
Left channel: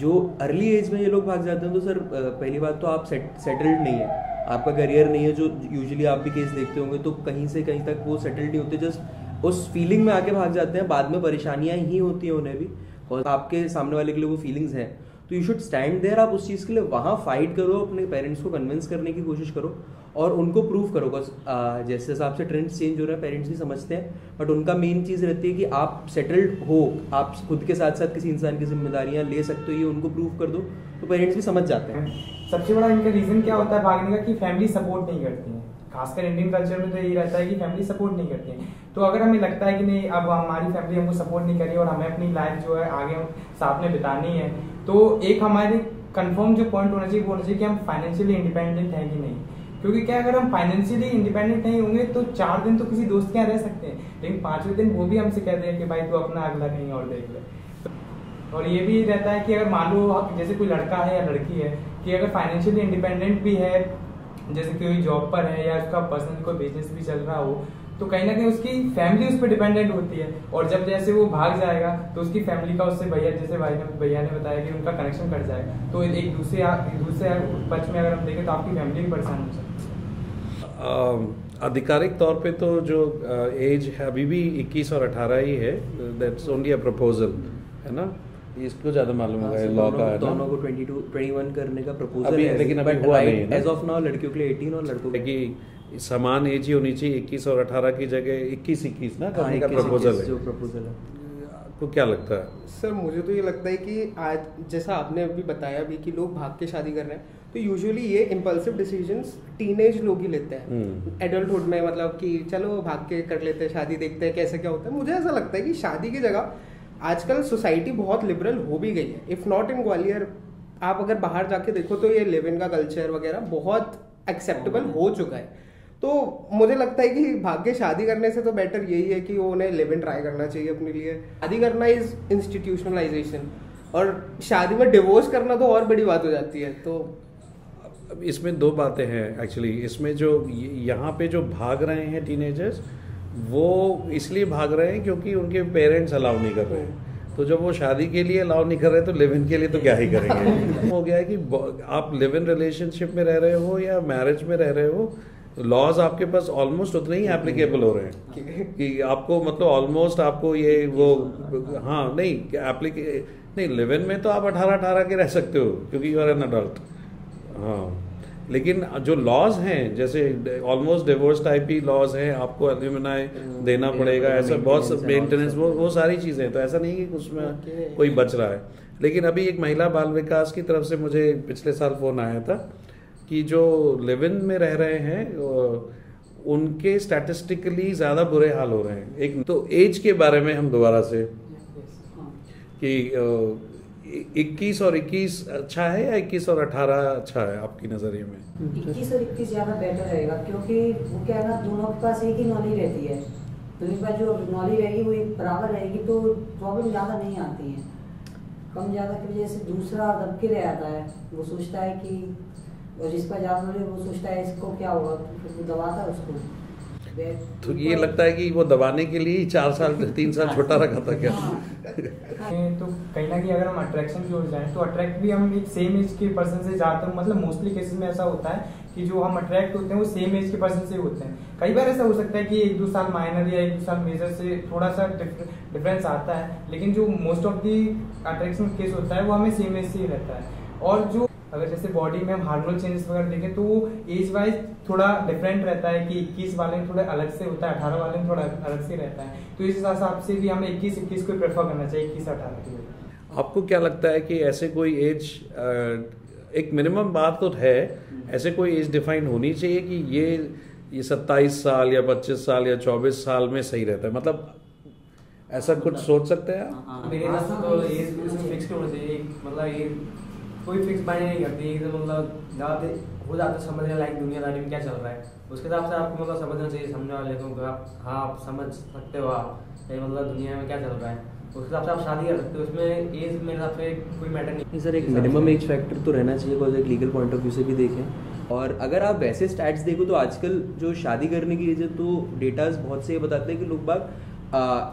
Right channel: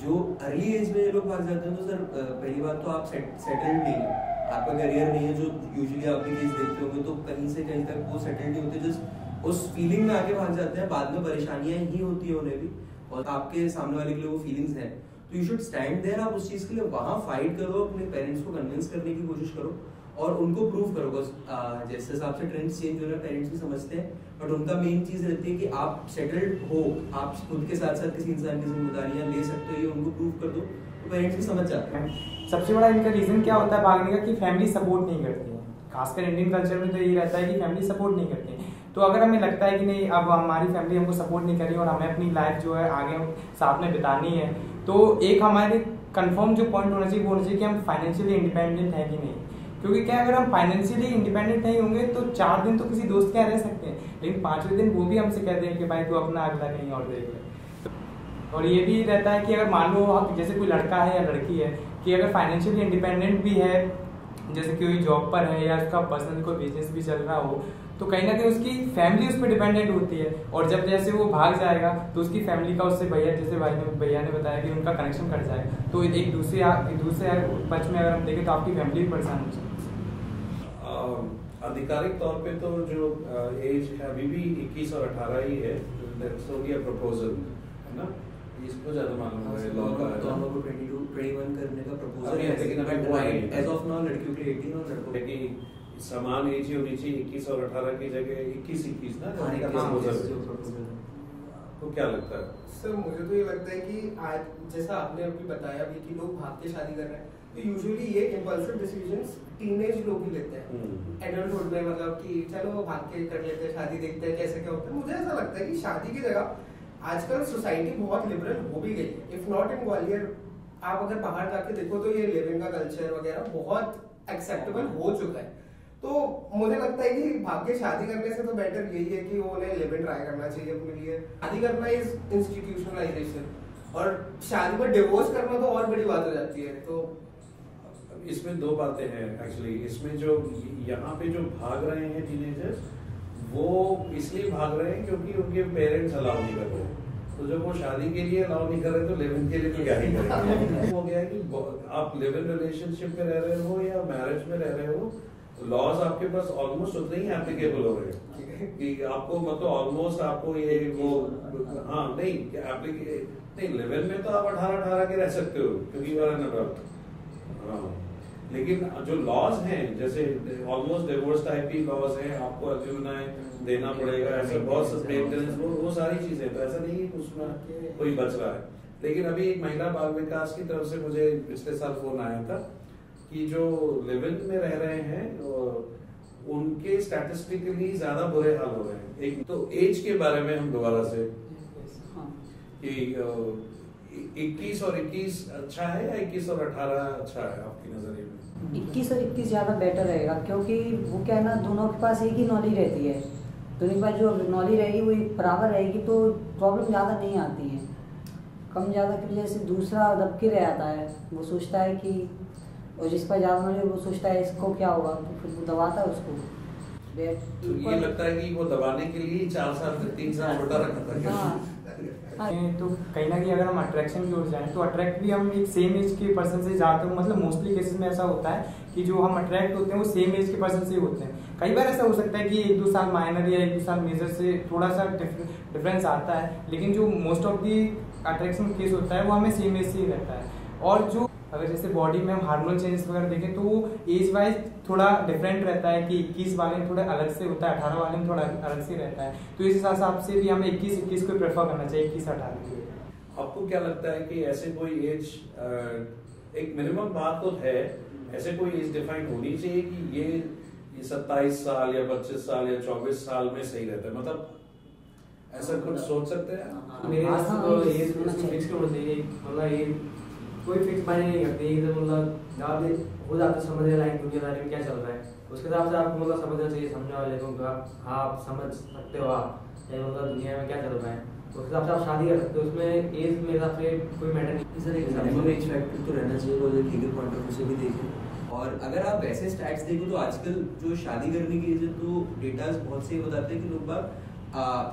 जो अर्ली एज में ये लोग भाग जाते हैं, तो सर पहली बात तो आप सेटल्ड नहीं है, आपका करियर नहीं है, जो यूजुअली आप भी केस देखते होंगे, तो कहीं से कहीं तक वो सेटल्ड नहीं होते, जस्ट उस फीलिंग में आके भाग जाते हैं। बाद में परेशानियां ही होती है उन्हें भी, और आपके सामने वाले के लिए वो फीलिंग्स हैं, तो यू शुड स्टैंड देयर। आप उस चीज़ के लिए वहाँ फाइट करो, अपने पेरेंट्स को कन्विंस करने की कोशिश करो और उनको प्रूव करो। बिकॉज जैसे हिसाब से ट्रेंड्स चेंज हो रहा है, पेरेंट्स भी समझते हैं, बट उनका मेन चीज़ रहती है कि आप सेटल्ड हो, आप खुद के साथ साथ किसी इंसान की जिम्मेदारियाँ ले सकते हो, ये उनको प्रूव कर दो, तो पेरेंट्स भी समझ जाते हैं। सबसे बड़ा इनका रीज़न क्या होता है भागने का, कि फैमिली सपोर्ट नहीं करती है। खासकर इंडियन कल्चर में तो यही रहता है कि फैमिली सपोर्ट नहीं करती है। तो अगर हमें लगता है कि नहीं, अब हमारी फैमिली हमको सपोर्ट नहीं कर रही और हमें अपनी लाइफ जो है आगे साथ में बितानी है, तो एक हमारे कंफर्म जो पॉइंट होना चाहिए वो होना चाहिए कि हम फाइनेंशियली इंडिपेंडेंट हैं कि नहीं। क्योंकि क्या, अगर हम फाइनेंशियली इंडिपेंडेंट नहीं होंगे तो 4 दिन तो किसी दोस्त के यहाँ रह सकते हैं, लेकिन 5वें दिन वो भी हमसे कहते हैं कि भाई तू अपना अगला कहीं और देख ले। और ये भी रहता है कि अगर मान लो जैसे कोई लड़का है या लड़की है कि अगर फाइनेंशियली इंडिपेंडेंट भी है, जैसे कोई जॉब पर है या उसका पर्सनल कोई बिजनेस भी चल रहा हो, तो कहीं ना कहीं उसकी फैमिली उस पर डिपेंडेंट होती है। और जब जैसे वो भाग जाएगा तो उसकी फैमिली का उससे जैसे भैया ने बताया कि उनका कनेक्शन कट जाएगा, तो एक दूसरे पक्ष में अगर हम देखें तो आपकी फैमिली भी परेशान हो सकती है। आधिकारिक तौर पे तो जो एज है अभी भी 21 और 18 ही है, दैट्स ओनली अ प्रपोजल, है ना? इसको ज्यादा मालूम होगा लॉ का, दोनों को 22-21 करने का प्रपोजल है, लेकिन अभी हुआ नहीं है एज ऑफ नाउ। लड़कियों के लिए 18 और लड़कों की समान एज ही होनी चाहिए। 21 और 18 की जगह 21 ना करने का प्रपोजल है। आपको क्या लगता है? सर मुझे तो ये लगता है कि आज जैसा आपने अभी बताया भी कि लोग भाग के शादी कर रहे हैं, तो यूजुअली ये इम्पल्सिव डिसीजंस टीनेज लोग ही लेते हैं एडल्टहुड में, मतलब कि चलो भाग के कर लेते हैं शादी, देखते हैं कैसे क्या होता है। मुझे ऐसा लगता है कि शादी की जगह आजकल सोसाइटी बहुत लिबरल हो भी गई है। इफ नॉट इन ग्वालियर, आप अगर बाहर जाके देखो तो ये लिव इन का कल्चर वगैरह बहुत एक्सेप्टेबल हो चुका है। तो मुझे लगता है कि भाग के शादी करने से तो बेटर यही है कि उन्हें लिव इन ट्राई करना चाहिए अपने लिए। शादी करना इज इंस्टीट्यूशनलाइजेशन, और शादी में डिवोर्स करना तो और बड़ी बात हो जाती है। तो इसमें 2 बातें हैं एक्चुअली। इसमें जो यहाँ पे जो भाग रहे हैं टीनेजर्स, वो इसलिए भाग रहे हैं क्योंकि उनके पेरेंट्स अलाउ नहीं कर रहे हैं। तो तो जब वो शादी के लिए अलाउ नहीं कर रहे तो लिव इन के लिए तो क्या ही करेंगे। हो गया है कि आप लिव इन रिलेशनशिप में रह रहे हो या मैरिज में रह रहे हो, लॉज आपके पास ऑलमोस्ट उतने ही एप्लीकेबल हो रहे हैं कि आपको मतलब ऑलमोस्ट आपको ये वो हाँ नहीं नहीं लिव इन में तो आप 18 के रह सकते हो क्योंकि यू आर एन अडल्ट। हाँ लेकिन जो लॉज हैं जैसे ऑलमोस्ट डिवोर्स टाइप ही लॉज हैं, आपको एल्यूमिनाई देना पड़ेगा, ऐसा बहुत मेंटेनेंस वो सारी चीजें, तो ऐसा नहीं कि उसमें कोई बच रहा है। लेकिन अभी एक महिला बाल विकास की तरफ से मुझे पिछले साल फोन आया था कि जो लिव इन में रह रहे हैं उनके स्टैटिस्टिकली ज्यादा बुरे हाल हो रहे हैं। एक तो एज के बारे में हम दोबारा से कि 21 और 21 अच्छा है या 21 और 18 अच्छा है आपकी नजरिए में? 21 और 21 ज्यादा बेटर रहेगा क्योंकि वो क्या है ना, दोनों के पास एक ही नॉलेज रहती है, दोनों के पास जो नॉलेज रहेगी वो बराबर रहेगी तो प्रॉब्लम ज्यादा नहीं आती है। कम ज्यादा की वजह से दूसरा दब के रह आता है, वो सोचता है कि और जिसका ज्यादा नॉलेज वो सोचता है इसको क्या होगा, तो फिर वो दबाता है उसको। तो ये लगता है कि वो दबाने के लिए 4 साल 3 साल छोटा रखा था क्या? तो कहीं ना कहीं अगर हम अट्रैक्शन की ओर जाएं तो अट्रैक्ट भी हम एक सेम एज के पर्सन से ज़्यादातर मतलब मोस्टली केसेस में ऐसा होता है कि जो हम अट्रैक्ट होते हैं वो सेम एज के पर्सन से होते हैं। कई बार ऐसा हो सकता है कि 1-2 साल माइनर या 1-2 साल मेजर से थोड़ा सा डिफरेंस आता है, लेकिन जो most of the attraction case होता है वो हमें सेम एज से ही रहता है। और जो अगर जैसे बॉडी में हम हार्मोनल चेंजेस वगैरह देखें तो वो एज वाइज थोड़ा डिफरेंट रहता है कि 21 वाले में थोड़ा अलग से होता है, 18 वाले में थोड़ा अलग से रहता है। तो इस हिसाब से भी हमें 21 को प्रेफर करना चाहिए 21-18 की। आपको क्या लगता है कि ऐसे कोई एज एक मिनिमम बात तो है, ऐसे कोई एज डिफाइन होनी चाहिए कि ये 27 साल या 25 साल या 24 साल में सही रहता है, मतलब ऐसा कुछ सोच सकते हैं? मेरे हिसाब से तो एज फिक्स होना चाहिए, मतलब ये कोई फिक्स मायने नहीं करती एकदम, मतलब ज़्यादा हो जाता है समझने लाइक दुनियादारी में क्या चल रहा है उसके हिसाब से आपको मतलब समझना चाहिए सामने वाले को। हाँ आप समझ सकते हो आप मतलब दुनिया में क्या चल रहा है, उसके हिसाब से आप शादी कर सकते हो। उसमें एज मेरे हिसाब से कोई मैटर नहीं। सर एक मिनिमम एज फैक्टर तो रहना चाहिए बिकॉज एक लीगल पॉइंट ऑफ व्यू से भी देखें। और अगर आप वैसे स्टैट्स देखो तो आजकल जो शादी करने की एज है तो डेटाज बहुत से ये बताते हैं कि लोग बाग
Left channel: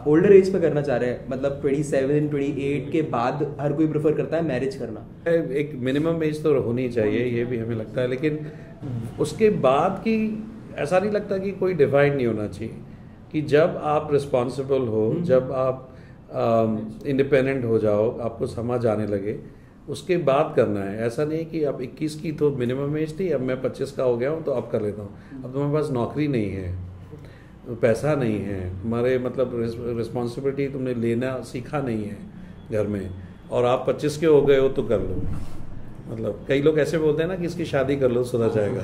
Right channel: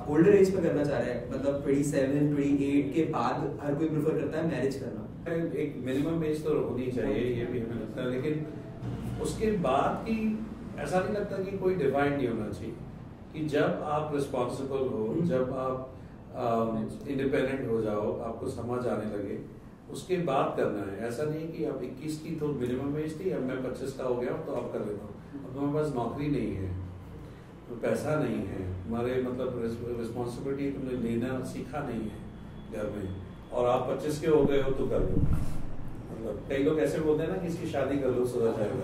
ओल्डर एज पे करना चाह रहे हैं, मतलब 27-28 के बाद हर कोई प्रेफर करता है मैरिज करना। एक मिनिमम एज तो होनी चाहिए, ये भी हमें लगता है, लेकिन उसके बाद की ऐसा नहीं लगता कि कोई डिवाइड नहीं होना चाहिए कि जब आप रिस्पॉन्सिबल हो, जब आप इंडिपेंडेंट हो जाओ, आपको समझ आने लगे, उसके बाद करना है। ऐसा नहीं कि अब 21 की तो मिनिमम एज थी, अब मैं 25 का हो गया हूँ तो अब कर लेता हूँ। अब तुम्हारे पास नौकरी नहीं है, पैसा नहीं है, हमारे मतलब रिस्पॉन्सिबिलिटी तुमने लेना सीखा नहीं है घर में, और आप 25 के हो गए हो तो कर लो। मतलब कई लोग ऐसे बोलते हैं ना कि इसकी शादी कर लो सुधर जाएगा।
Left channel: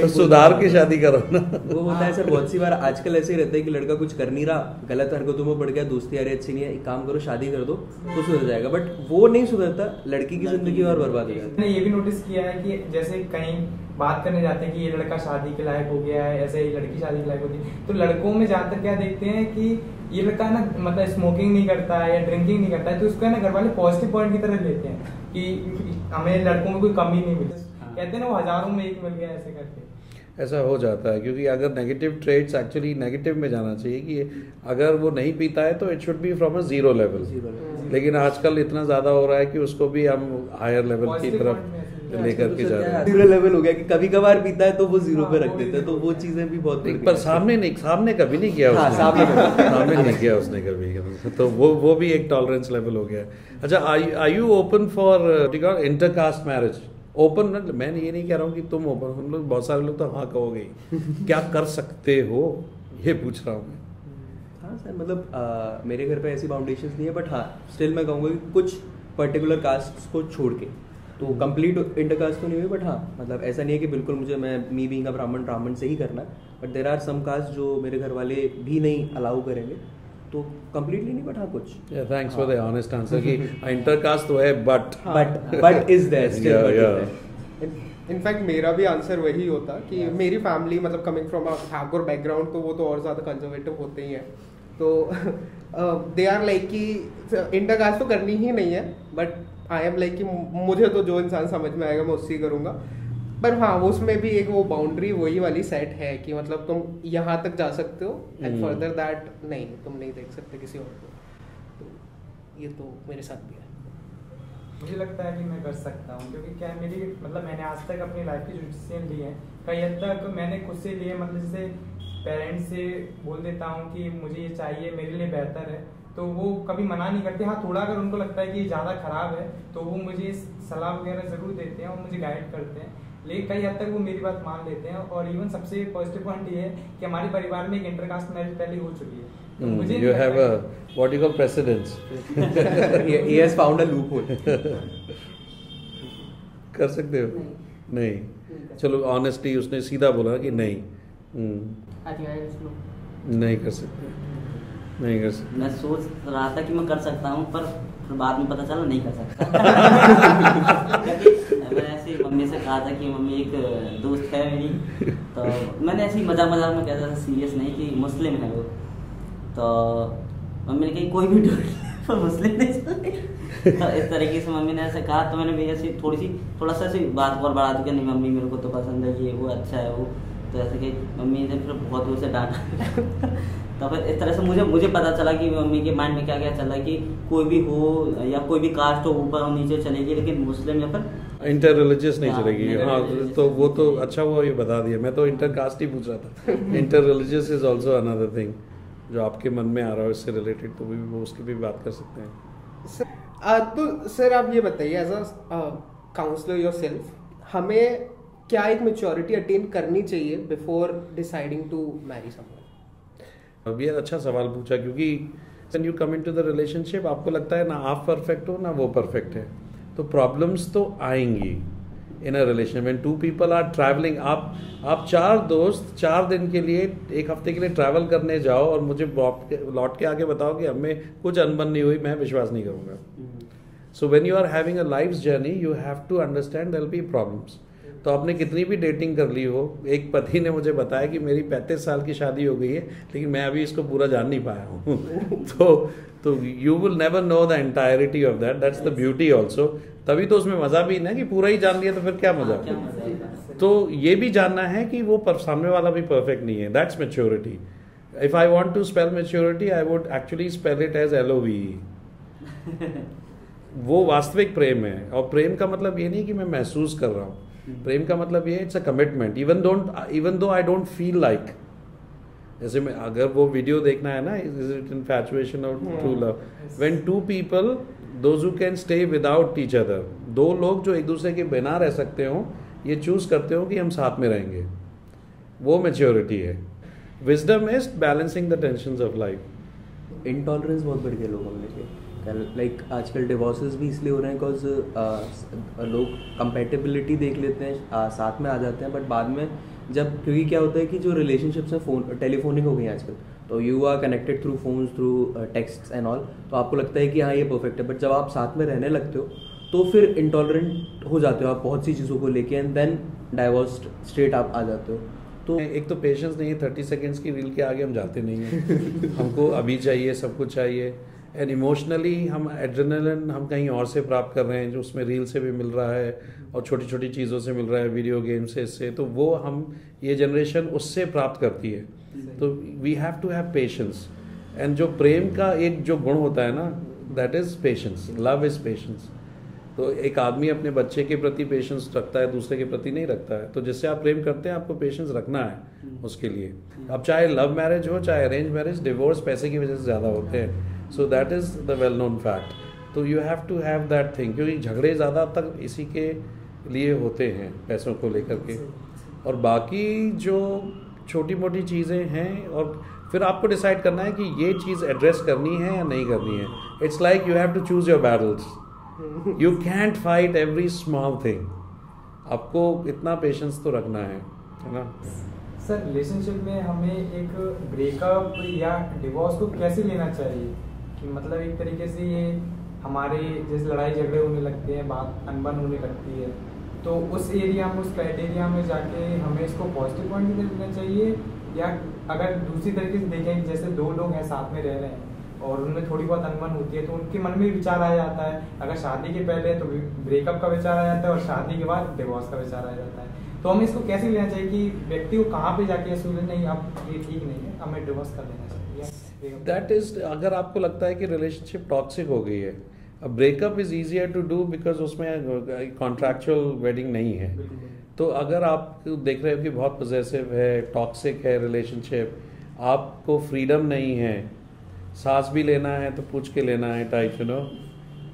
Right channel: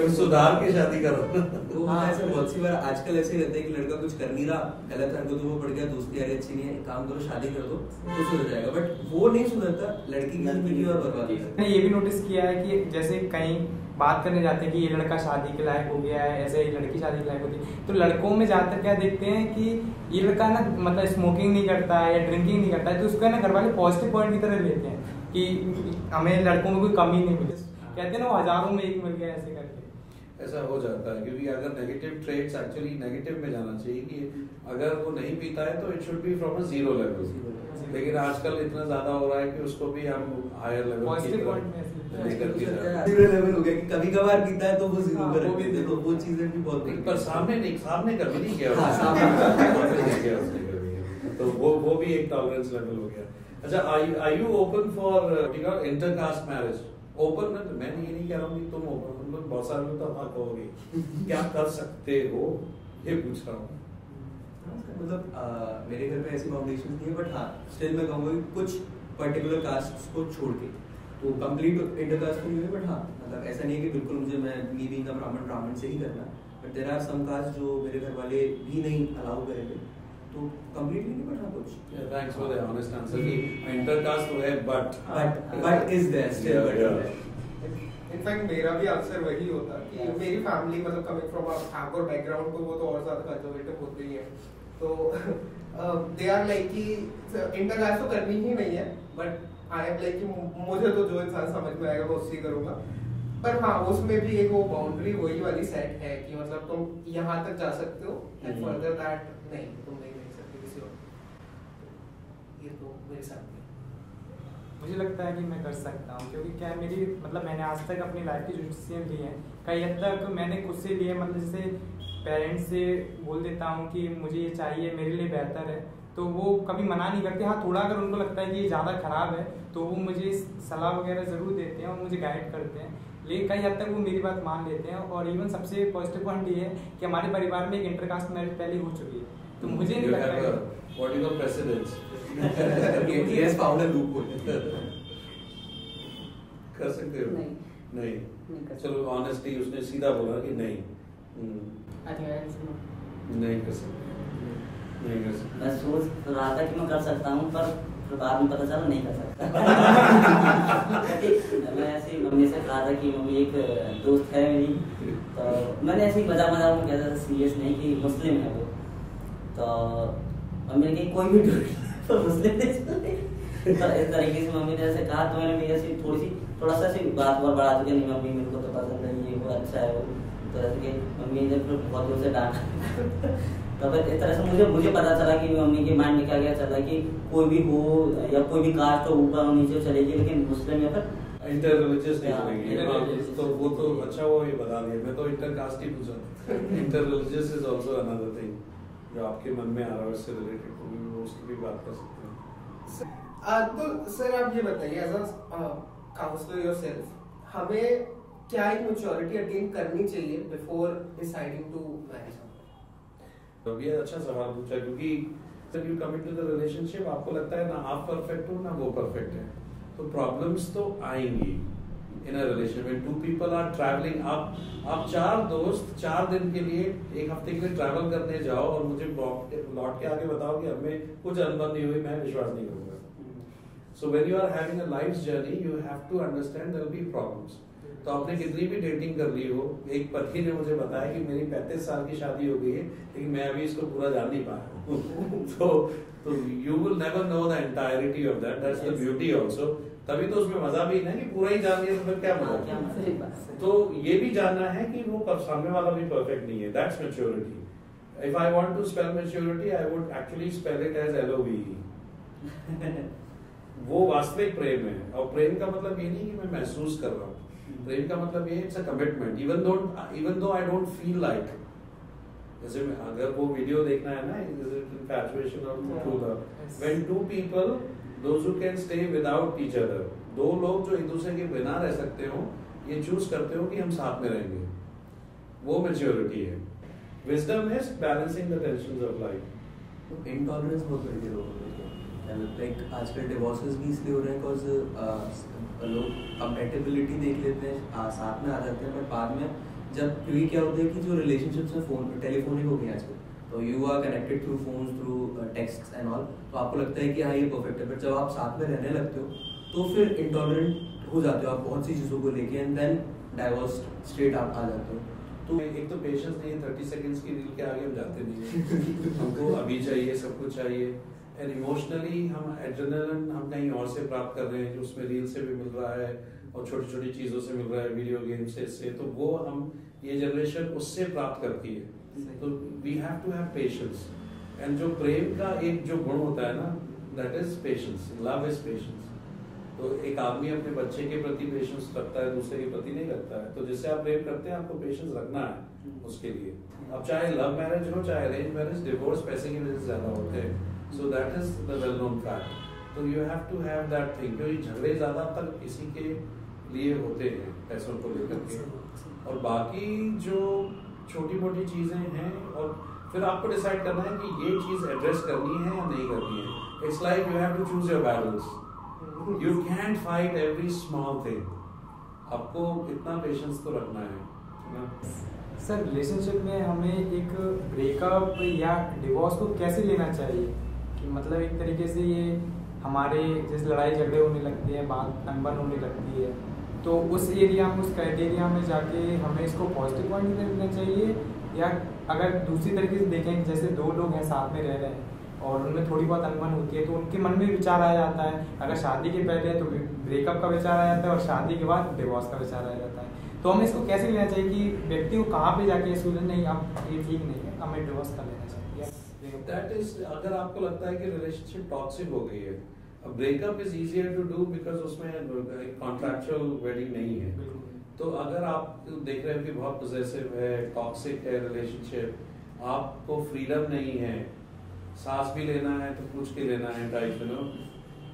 तो सुधार की शादी करो ना। वो होता है सर बहुत सी बार आजकल ऐसे ही रहता है कि लड़का कुछ कर नहीं रहा, गलत हरकतों में पड़ गया, दोस्ती यारी अच्छी नहीं है, एक काम करो शादी कर दो तो सुधर जाएगा, बट वो नहीं सुधरता, लड़की की जिंदगी और बर्बाद हो जाती है। मैंने ये भी नोटिस किया है कि जैसे कहीं बात करने जाते हैं कि ये लड़का शादी के लायक हो गया है, ऐसे ही लड़की शादी के लायक होती है, तो लड़कों में ज्यादातर क्या देखते हैं कि ये लड़का ना मतलब स्मोकिंग नहीं करता है या ड्रिंकिंग नहीं करता है, तो उसको ना घर वाले पॉजिटिव पॉइंट की तरह लेते हैं कि हमें लड़कों में कोई कमी नहीं मिली। कहते हैं ना वो हजारों में एक मिल गया, ऐसे करके ऐसा हो जाता है। क्योंकि अगर नेगेटिव ट्रेड्स एक्चुअली नेगेटिव में जाना चाहिए कि अगर वो नहीं पीता है तो it should be from a 0 level, लेकिन आजकल इतना ज्यादा हो रहा है कि उसको भी हम हायर लेवल की तरफ लेकर के जा रहे हैं। 0 लेवल हो गया कि कभी कभार पीता है तो वो 0 पे रख देता है, तो वो चीजें भी बहुत पर सामने कभी नहीं किया, सामने नहीं किया उसने कभी, तो वो भी एक टॉलरेंस लेवल हो गया। अच्छा, are you open for intercaste marriage? Open ना, मैं ये नहीं कह रहा हूँ कि तुम ओपन, तुम लोग बहुत सारे लोग तो हाँ कहोगे, क्या कर सकते हो ये पूछ रहा हूँ। हाँ सर, मतलब मेरे घर पे ऐसी फाउंडेशन नहीं है, बट हाँ स्टिल मैं कहूँगा कि कुछ पर्टिकुलर कास्ट को छोड़ के तो कंप्लीट इंटरकास्ट तो नहीं हुई, बट हाँ मतलब ऐसा नहीं है कि बिल्कुल मुझे मैं मी बीइंग अ ब्राह्मण से ही करना, but there are some caste जो मेरे घर वाले भी नहीं अलाउ करेंगे, तो कंप्लीटली नहीं, बट हाँ कुछ। Thanks for the honest answer कि इंटरकास्ट तो है but is there still. In fact मेरा भी आंसर वही होता कि मेरी फैमिली मतलब coming from a Thakur background, तो वो तो और ज्यादा कंजर्वेटिव होते ही हैं, तो दे आर लाइक कि इंटरकास्ट तो करनी ही नहीं है, बट आई एम लाइक कि मुझे तो जो इंसान समझ में आएगा मैं उससे करूंगा। पर हाँ उसमें भी एक वो बाउंड्री वही वाली सेट है कि मतलब तुम यहाँ तक जा सकते हो एंड फर्दर दैट नहीं, तुम नहीं देख सकते किसी और को। ये तो मेरे साथ भी है। मुझे लगता है कि मैं कर सकता हूँ, क्योंकि क्या है मेरी मतलब मैंने आज तक अपनी लाइफ की जो डिसीजन लिए हैं कई हद तक मैंने खुद से लिए, मतलब जैसे पेरेंट्स से बोल देता हूँ कि मुझे ये चाहिए, मेरे लिए बेहतर है, तो वो कभी मना नहीं करते। हाँ, थोड़ा अगर उनको लगता है कि ये ज़्यादा ख़राब है तो वो मुझे सलाह वगैरह ज़रूर देते हैं और मुझे गाइड करते हैं, लेकिन कई हद तक वो मेरी बात मान लेते हैं। और इवन सबसे पॉजिटिव पॉइंट ये है कि हमारे परिवार में एक इंटरकास्ट मैरिज पहले हो चुकी है, तो मुझे नहीं लगता what you call precedence. he has found a loophole. कर सकते हो? नहीं। चलो ऑनेस्टली उसने सीधा बोला कि नहीं। नहीं कर सकते, नहीं कर सकते। मैं सोच रहा था कि मैं कर सकता हूँ, पर फिर बाद में पता चला नहीं कर सकता। मैं ऐसे मम्मी से कहा था कि मम्मी एक दोस्त है मेरी, तो मैंने ऐसे ही मजाक मजाक में कहता था, सीरियस नहीं, कि मुस्लिम है वो, तो मम्मी ने कही कोई भी पर मुस्लिम नहीं चलेगी। तो इस तरीके से मम्मी ने ऐसे कहा, तो मैंने भी ऐसी थोड़ा सा ऐसी बात और बढ़ा दी कि नहीं मम्मी मेरे को तो पसंद है ये, वो अच्छा है वो, तो ऐसे कि मम्मी ने फिर बहुत दूर से डांटा। तो फिर इस तरह से मुझे पता चला कि मम्मी के माइंड में क्या क्या चल रहा है कि कोई भी हो या कोई भी कास्ट हो ऊपर और नीचे चलेगी, लेकिन मुस्लिम या फिर इंटर रिलीजियस नहीं चलेगी। हाँ, तो वो तो अच्छा हुआ ये बता दिया, मैं तो इंटर कास्ट ही पूछ रहा था। Inter religious is also another thing जो आपके मन में आ रहा है इससे रिलेटेड, तो भी उसकी भी बात कर सकते हैं। तो सर आप ये बताइए एज अ काउंसलर योरसेल्फ, हमें क्या एक मैच्योरिटी अटेन करनी चाहिए before deciding to marry someone? अब ये अच्छा सवाल पूछा, क्योंकि when you come into the relationship आपको लगता है ना आप परफेक्ट हो ना वो परफेक्ट है, तो प्रॉब्लम्स तो आएंगी in a relation. When two people are travelling, आप 4 दोस्त 4 दिन के लिए 1 हफ्ते के लिए ट्रैवल करने जाओ और मुझे लौट के आगे बताओ कि हमें कुछ अनबन नहीं हुई, मैं विश्वास नहीं करूंगा। So when you are having a life journey you have to understand there will be problems. तो आपने कितनी भी डेटिंग कर ली हो, एक पति ने मुझे बताया कि मेरी 35 साल की शादी हो गई है लेकिन मैं अभी इसको पूरा जान नहीं पाया हूँ। तो you will never know the entirety of that, that's the beauty also. तभी तो उसमें मजा भी ना कि पूरा ही जान लिया तो फिर क्या मजा। तो ये भी जानना है कि वो सामने वाला भी परफेक्ट नहीं है, that's maturity. If I want to spell maturity I would actually spell it as LOVE। वो वास्तविक प्रेम है, और प्रेम का मतलब ये नहीं कि मैं महसूस कर रहा हूँ, प्रेम का मतलब ये it's a commitment even though I don't feel like. जैसे मैं अगर वो वीडियो देखना है ना, इज इट इनफैचुएशन और true love, when 2 people those who can stay without each other, 2 लोग जो एक दूसरे के बिना रह सकते हो, ये चूज करते हो कि हम साथ में रहेंगे, वो मैच्योरिटी है। Wisdom is balancing the tensions of life. Intolerance बहुत बढ़ गया लोगों में, लाइक आजकल डिवोर्सेस भी इसलिए हो रहे हैं बिकॉज लोग कंपेटेबिलिटी देख लेते हैं, साथ में आ जाते हैं, बट बाद में जब, क्योंकि क्या होता है कि जो रिलेशनशिप्स हैं फोन टेलीफोनिक हो गई हैं आजकल, तो you are connected through phones, through text and all, तो आपको लगता है कि हाँ ये परफेक्ट है, बट जब आप साथ में रहने लगते हो तो फिर इंटॉलरेंट हो जाते हो आप बहुत सी चीज़ों को लेके, एंड देन डाइवोर्स स्ट्रेट आप आ जाते हो। तो एक तो पेशेंस नहीं है, 30 सेकेंड्स की रील के आगे हम जाते नहीं हैं। हमको अभी चाहिए, सब कुछ चाहिए, एंड इमोशनली हम एड्रेनलिन हम कहीं और से प्राप्त कर रहे हैं, जो उसमें रील से भी मिल रहा है और छोटी छोटी चीज़ों से मिल रहा है, वीडियो गेम से, इससे, तो वो हम ये जनरेशन उससे प्राप्त करती है। तो we have to have patience, and जो प्रेम का एक जो गुण होता है ना, that is patience, love is patience. तो एक आदमी अपने बच्चे के प्रति पेशेंस रखता है, दूसरे के प्रति नहीं रखता है, तो जिससे आप प्रेम करते हैं आपको पेशेंस रखना है उसके लिए। अब चाहे लव मैरिज हो चाहे अरेंज मैरिज, डिवोर्स पैसे की वजह से ज़्यादा होते हैं, so that is the well known fact. तो you have to have that thing, क्योंकि झगड़े ज़्यादा तक इसी के लिए होते हैं, पैसों को लेकर के, और बाकी जो छोटी मोटी चीज़ें हैं, और फिर आपको डिसाइड करना है कि ये चीज़ एड्रेस करनी है या नहीं करनी है। It's like you have to choose your battles, you can't fight every small thing, आपको इतना पेशेंस तो रखना है ना। सर रिलेशनशिप में हमें एक ब्रेकअप या डिवोर्स को कैसे लेना चाहिए, कि मतलब एक तरीके से ये हमारे जैसे लड़ाई झगड़े होने लगते हैं, बात अनबन होने लगती है, तो उस एरिया में, उस क्राइटेरिया में जाके हमें इसको पॉजिटिव पॉइंट देना चाहिए, या अगर दूसरी तरीके से देखें जैसे 2 लोग हैं साथ में रह रहे हैं और उनमें थोड़ी बहुत अनबन होती है, तो उनके मन में विचार आ जाता है, अगर शादी के पहले है तो ब्रेकअप का विचार आ जाता है और शादी के बाद डिवोर्स का विचार आ जाता है। तो हमें इसको कैसे लेना चाहिए कि व्यक्ति को कहाँ पे जाके ये सोचे नहीं अब ये ठीक नहीं है, हमें डिवोर्स कर लेना चाहिए। दैट इज, अगर आपको लगता है कि रिलेशनशिप टॉक्सिक हो गई है, अब breakup is easier to do because उसमें कॉन्ट्रैक्चुअल वेडिंग नहीं है। तो अगर आप देख रहे हो कि बहुत पॉजेसिव है, टॉक्सिक है रिलेशनशिप, आपको फ्रीडम नहीं है, सांस भी लेना है तो पूछ के लेना है टाइप, यू नो,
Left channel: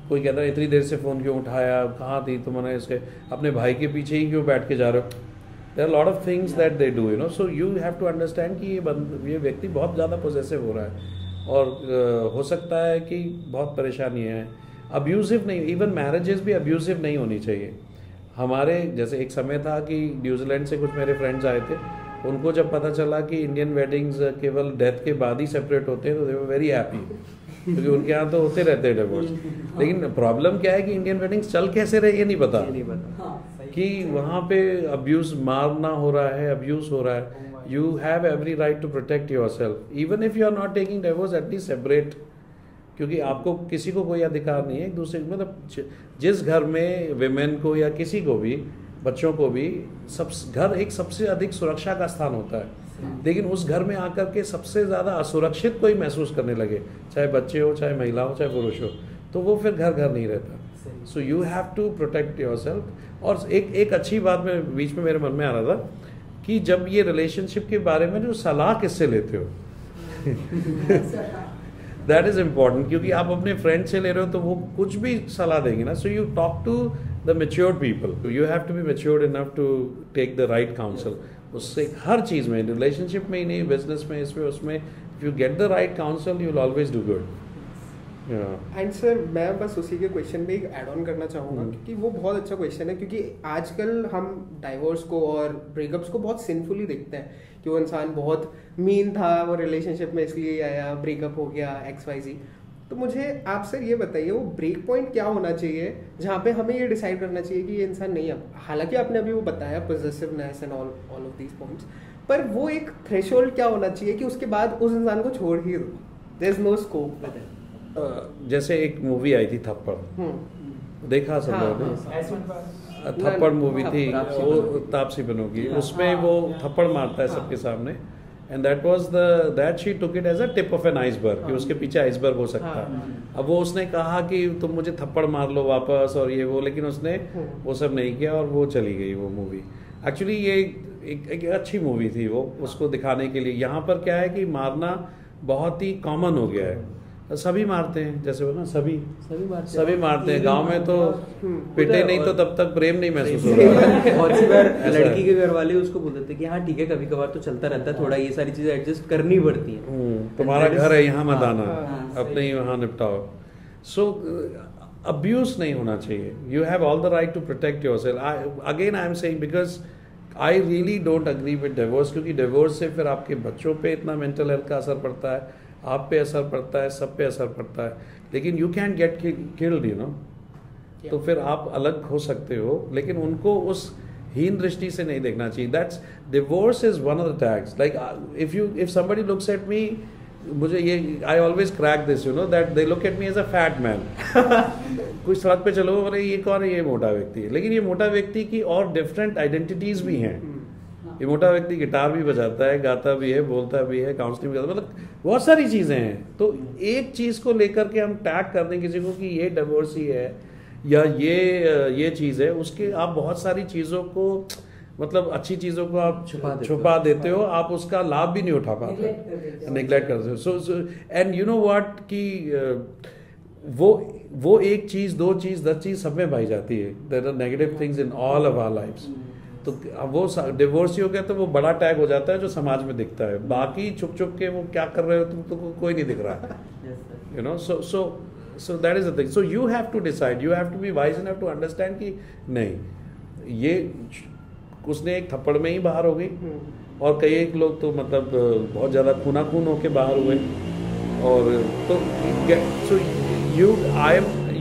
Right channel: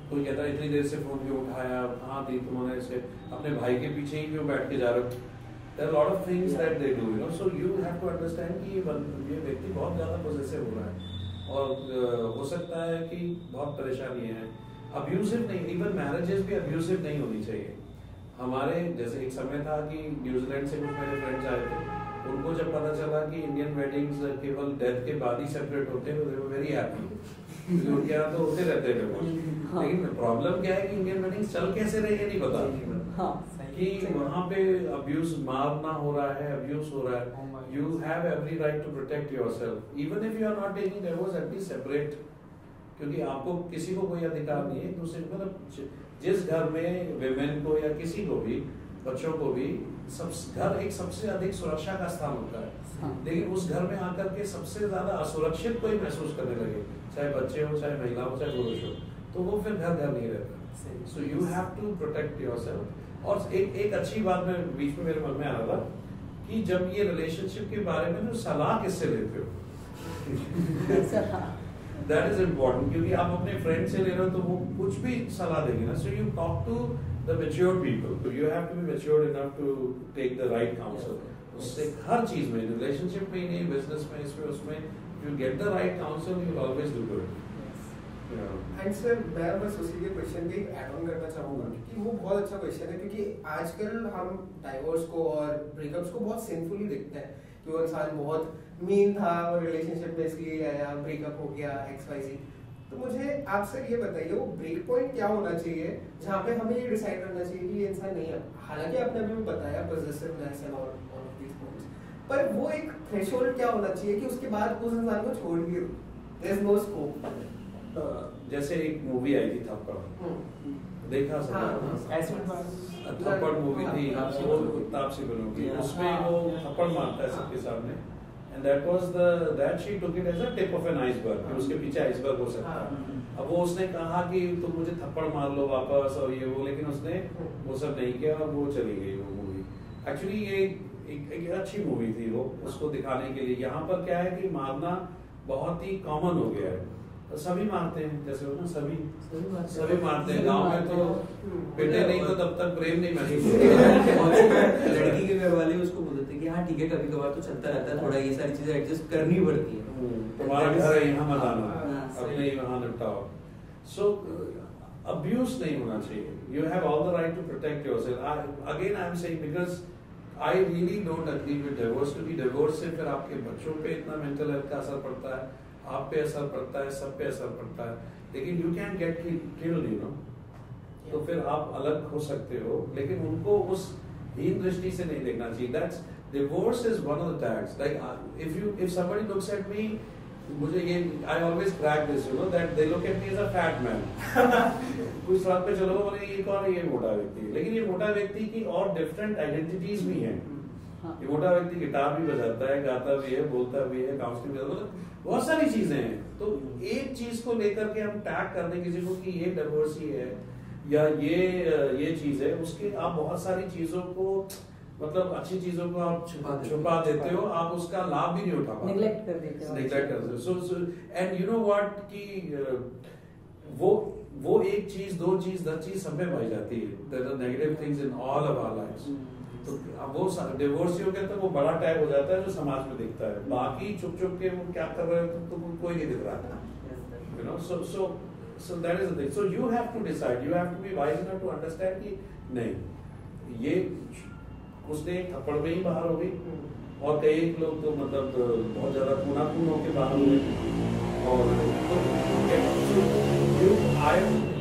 कोई कहता है इतनी देर से फोन क्यों उठाया, कहाँ थी तुमने, इसे अपने भाई के पीछे ही क्यों बैठ के जा रहा हो, there are lot of things that they do, you know, so you have to understand कि ये व्यक्ति बहुत ज़्यादा पॉसेसिव हो रहा है और हो सकता है कि बहुत परेशानी है। अब्यूसिव नहीं, इवन मैरिजेस भी अब्यूसिव नहीं होनी चाहिए। हमारे जैसे एक समय था कि न्यूजीलैंड से कुछ मेरे फ्रेंड्स आए थे, उनको जब पता चला कि इंडियन वेडिंग्स केवल डेथ के बाद ही सेपरेट होते हैं तो दे वर वेरी हैप्पी, क्योंकि उनके यहाँ तो होते रहते हैं डिवोर्स। लेकिन प्रॉब्लम क्या है कि इंडियन वेडिंग्स चल कैसे रही है नहीं पता, कि वहाँ पे अब्यूज, मारना हो रहा है, अब्यूज हो रहा है। You have every right to protect yourself, even if you are not taking divorce, at least separate, क्योंकि आपको किसी को कोई अधिकार नहीं है एक दूसरे, मतलब जिस घर में विमेन को या किसी को भी, बच्चों को भी, घर एक सबसे अधिक सुरक्षा का स्थान होता है, लेकिन उस घर में आकर के सबसे ज्यादा असुरक्षित कोई महसूस करने लगे, चाहे बच्चे हो, चाहे महिला हो, चाहे पुरुष हो, तो वो फिर घर घर नहीं रहता। So you have to protect yourself. और एक अच्छी बात में बीच में मेरे मन में आ रहा था कि जब ये रिलेशनशिप के बारे में जो सलाह किससे लेते हो दैट इज इम्पोर्टेंट, क्योंकि आप अपने फ्रेंड से ले रहे हो तो वो कुछ भी सलाह देगी ना। So you talk to the matured people, you have to be matured enough to take the right counsel. उससे हर चीज में, रिलेशनशिप में ही नहीं, बिजनेस में, इसमें उसमें, if you get the right council you will always do good. And sir मैं बस उसी के क्वेश्चन पे ऐड ऑन करना चाहूँगा, क्योंकि वो बहुत अच्छा क्वेश्चन है, क्योंकि आजकल हम डाइवोर्स को और ब्रेकअप्स को बहुत सिंफुली देखते हैं कि वो इंसान बहुत मीन था, वो रिलेशनशिप में इसलिए आया, ब्रेकअप हो गया, XYZ। तो मुझे आप सर ये बताइए, वो ब्रेक पॉइंट क्या होना चाहिए जहाँ पे हमें ये डिसाइड करना चाहिए कि ये इंसान नहीं है, हालांकि आपने अभी वो बताया positiveness and all of these points, पर वो एक थ्रेशोल्ड क्या होना चाहिए कि उसके बाद उस इंसान को छोड़ ही दो, देयर इज नो स्कोप। जैसे एक मूवी आई थी थप्पड़, देखा सब थप्पड़ मूवी थी, वो तापसी बनोगी, उसमें वो थप्पड़ मारता है सबके सामने, and that was that she took it as a tip of an iceberg, कि उसके पीछे आइसबर्ग हो सकता है। अब वो उसने कहा कि तुम मुझे थप्पड़ मार लो वापस और ये वो, लेकिन उसने वो सब नहीं किया और वो चली गई वो मूवी। एक्चुअली ये एक अच्छी मूवी थी वो, उसको दिखाने के लिए। यहाँ पर क्या है कि मारना बहुत ही कॉमन हो गया है, सभी मारते हैं, जैसे वो ना सभी मारते हैं। गांव में तो पिटे नहीं तो तब तक प्रेम नहीं महसूस होता। लड़की के घर वाले उसको बोलते थे कि हाँ ठीक है, कभी कभार तो चलता रहता है, थोड़ा ये सारी चीजें एडजस्ट करनी पड़ती है, तुम्हारा घर है यहाँ मत आना, अपने ही वहाँ निपटाओ। सो अब्यूज नहीं होना चाहिए, you have all the right to protect yourself. Again I am saying because I really don't agree with divorce, क्योंकि डिवोर्स से फिर आपके बच्चों पे इतना मेंटल हेल्थ का असर पड़ता है, आप पे असर पड़ता है, सब पे असर पड़ता है। लेकिन you can get killed, you know, तो फिर आप अलग हो सकते हो, लेकिन उनको उस हीन दृष्टि से नहीं देखना चाहिए। That's divorce is one of the tags, like if somebody looks at me, मुझे ये I always crack this, you know, that they look at me as a fat man. कुछ सड़क पे चलो, बोले ये कौन है, ये मोटा व्यक्ति है, लेकिन ये मोटा व्यक्ति की और डिफरेंट आइडेंटिटीज भी हैं। ये मोटा व्यक्ति गिटार भी बजाता है, गाता भी है, बोलता भी है, काउंसलिंग भी करता है, मतलब बहुत सारी चीजें हैं। तो एक चीज को लेकर के हम टैग करने किसी को कि ये डिवोर्सी है या ये चीज है, उसके आप बहुत सारी चीजों को, मतलब अच्छी चीजों को आप छुपा देते हो, आप उसका लाभ भी नहीं उठा पाते, निगलेक्ट कर देते हो। So and you know what कि वो एक चीज, दो चीज, 10 चीज सब में पाई जाती है। There are negative things in all of our lives. तो अब वो डिवोर्सी हो गया तो वो बड़ा टैग हो जाता है जो समाज में दिखता है, बाकी छुप छुप के वो क्या कर रहे हो तुम, तो कोई नहीं दिख रहा, you know. So that is the thing. So you have to decide, you have to be wise enough to understand कि नहीं, ये उसने एक थप्पड़ में ही बाहर हो गई, और कई एक लोग तो मतलब बहुत ज्यादा खून होके बाहर हुए, और तो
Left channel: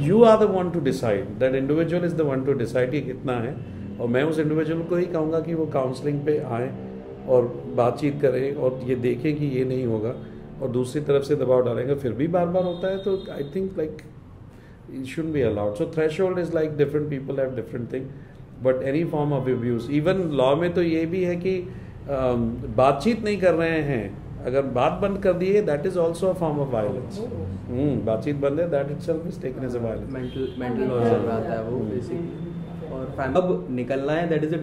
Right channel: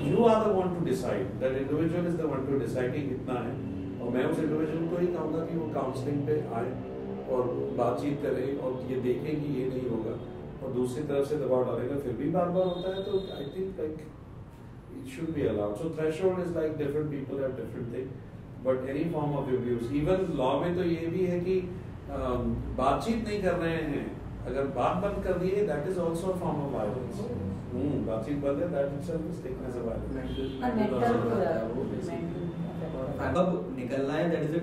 you are the one to decide, that individual is the one to decide कि कितना है। और मैं उस इंडिविजुअल को ही कहूँगा कि वो काउंसलिंग पे आए और बातचीत करें और ये देखें कि ये नहीं होगा, और दूसरी तरफ से दबाव डालेंगे फिर भी बार बार होता है, तो I think like it shouldn't be allowed. So threshold is like different people have different thing, but any form of abuse, even law में तो ये भी है कि बातचीत नहीं कर रहे हैं अगर बात बंद कर दी है that is also a form of violence. बातचीत बंद है that itself is taken as a violence. Mental आता है वो बेसिकली। अब निकलना है that is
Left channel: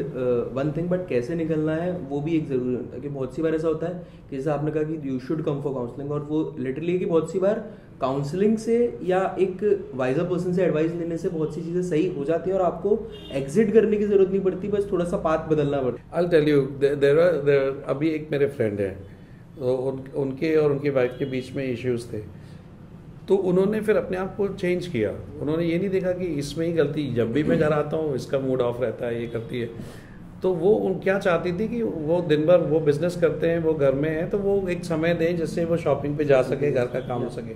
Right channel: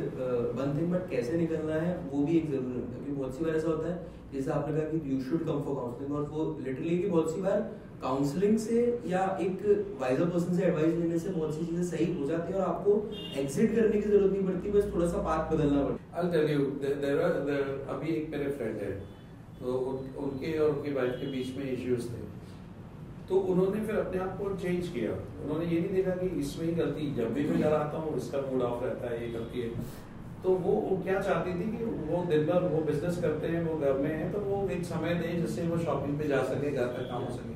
one thing, but कैसे निकलना है वो भी एक जरूरी होता है कि बहुत सी बार ऐसा होता है कि जैसे आपने कहा कि you should come for counselling, और वो लिटरली कि बहुत सी बार काउंसलिंग से या एक वाइजर पर्सन से एडवाइस लेने से बहुत सी चीजें सही हो जाती है और आपको एग्जिट करने की जरूरत नहीं पड़ती, बस थोड़ा सा पाथ बदलना पड़ता है। I'll tell you, there are अभी एक मेरे फ्रेंड है, उनके और उनकी वाइफ के बीच में इश्यूज थे, तो उन्होंने फिर अपने आप को चेंज किया। उन्होंने ये नहीं देखा कि इसमें ही गलती, जब भी मैं घर आता हूँ इसका मूड ऑफ रहता है, ये करती है। तो वो क्या चाहती थी कि वो दिन भर वो बिजनेस करते हैं, वो घर में है, तो वो एक समय दें जिससे वो शॉपिंग पे जा सके, घर का काम हो सके।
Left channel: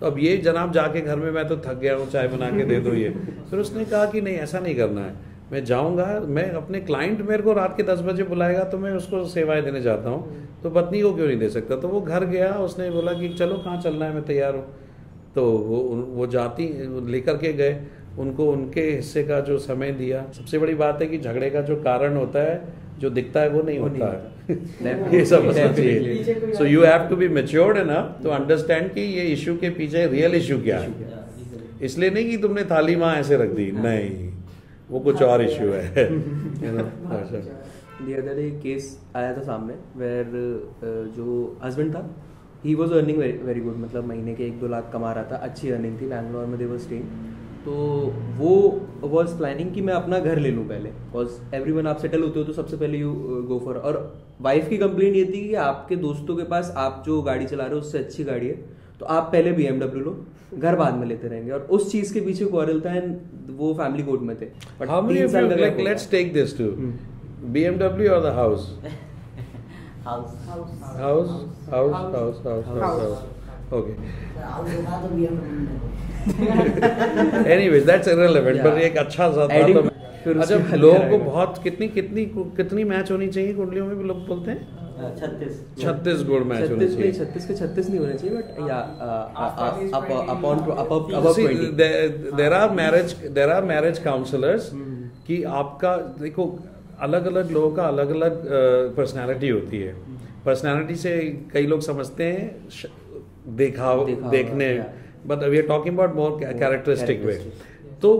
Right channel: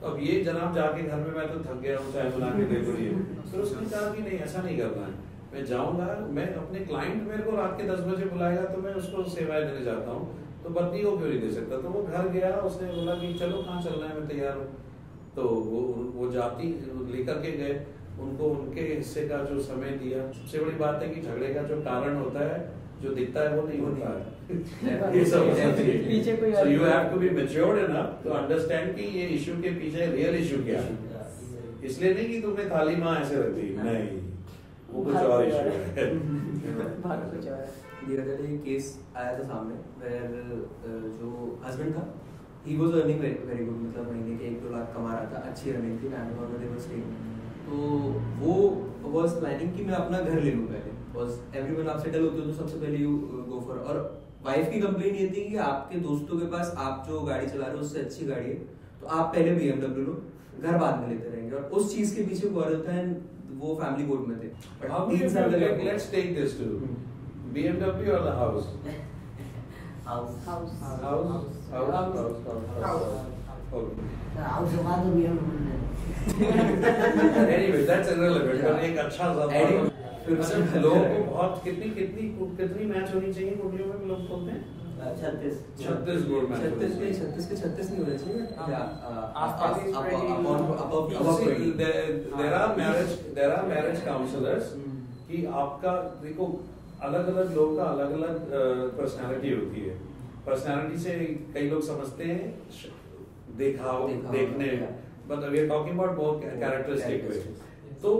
तो अब ये जनाब जाके घर में मैं तो थक गया हूँ, चाय बना के दे दो ये। फिर उसने कहा कि नहीं ऐसा नहीं करना है, मैं जाऊँगा, मैं अपने क्लाइंट मेरे को रात के 10 बजे बुलाएगा तो मैं उसको सेवाएं देने जाता हूँ, तो पत्नी को क्यों नहीं दे सकता। तो वो घर गया, उसने बोला कि चलो कहाँ चलना है, मैं तैयार हूँ। तो वो जाती लेकर के गए, उनको उनके हिस्से का जो समय दिया। सबसे बड़ी बात है कि झगड़े का जो कारण होता है, जो दिखता है वो नहीं होता है। ये सब so you have to be matured enough to understand कि ये इशू के पीछे रियल इशू क्या है। इसलिए नहीं कि तुमने थाली माँ ऐसे रख दी, नहीं, वो कुछ और इशू है। The other day केस आया था सामने वेयर जो हस्बैंड था, he was earning very good, मतलब महीने के 1-2 लाख कमा रहा था, अच्छी अर्निंग थी, बैंगलोर में दे वर स्टेइंग। तो वो वॉज प्लानिंग कि मैं अपना घर ले लूँ पहले, बिकॉज एवरीवन आप सेटल होते हो तो सबसे पहले यू गो फॉर। और वाइफ की कंप्लेंट ये थी कि आपके दोस्तों के पास आप जो गाड़ी चला रहे हो उससे अच्छी गाड़ी है, तो आप पहले BMW लो, घर बाद में लेते रहेंगे। और उस चीज के पीछे क्वारल था, एंड वो फैमिली कोर्ट में थे। How many of you, like, let's take this to BMW or the house? House Okay. House होगा तो BMW Anyway, that's irrelevant, but एक अच्छा सा था। Adding- तो अच्छा, लोगों को बहुत कितनी मैच होनी चाहिए कुंडलियों में, लोग बोलते हैं 36 गुण मैच होनी चाहिए। 36 नहीं होने चाहिए, but there are marriage counselors कि आपका देखो अलग अलग लोगों का अलग अलग पर्सनालिटी होती है। पर्सनालिटी से कई लोग समझते हैं देखने, but we are talking about more characteristic way. तो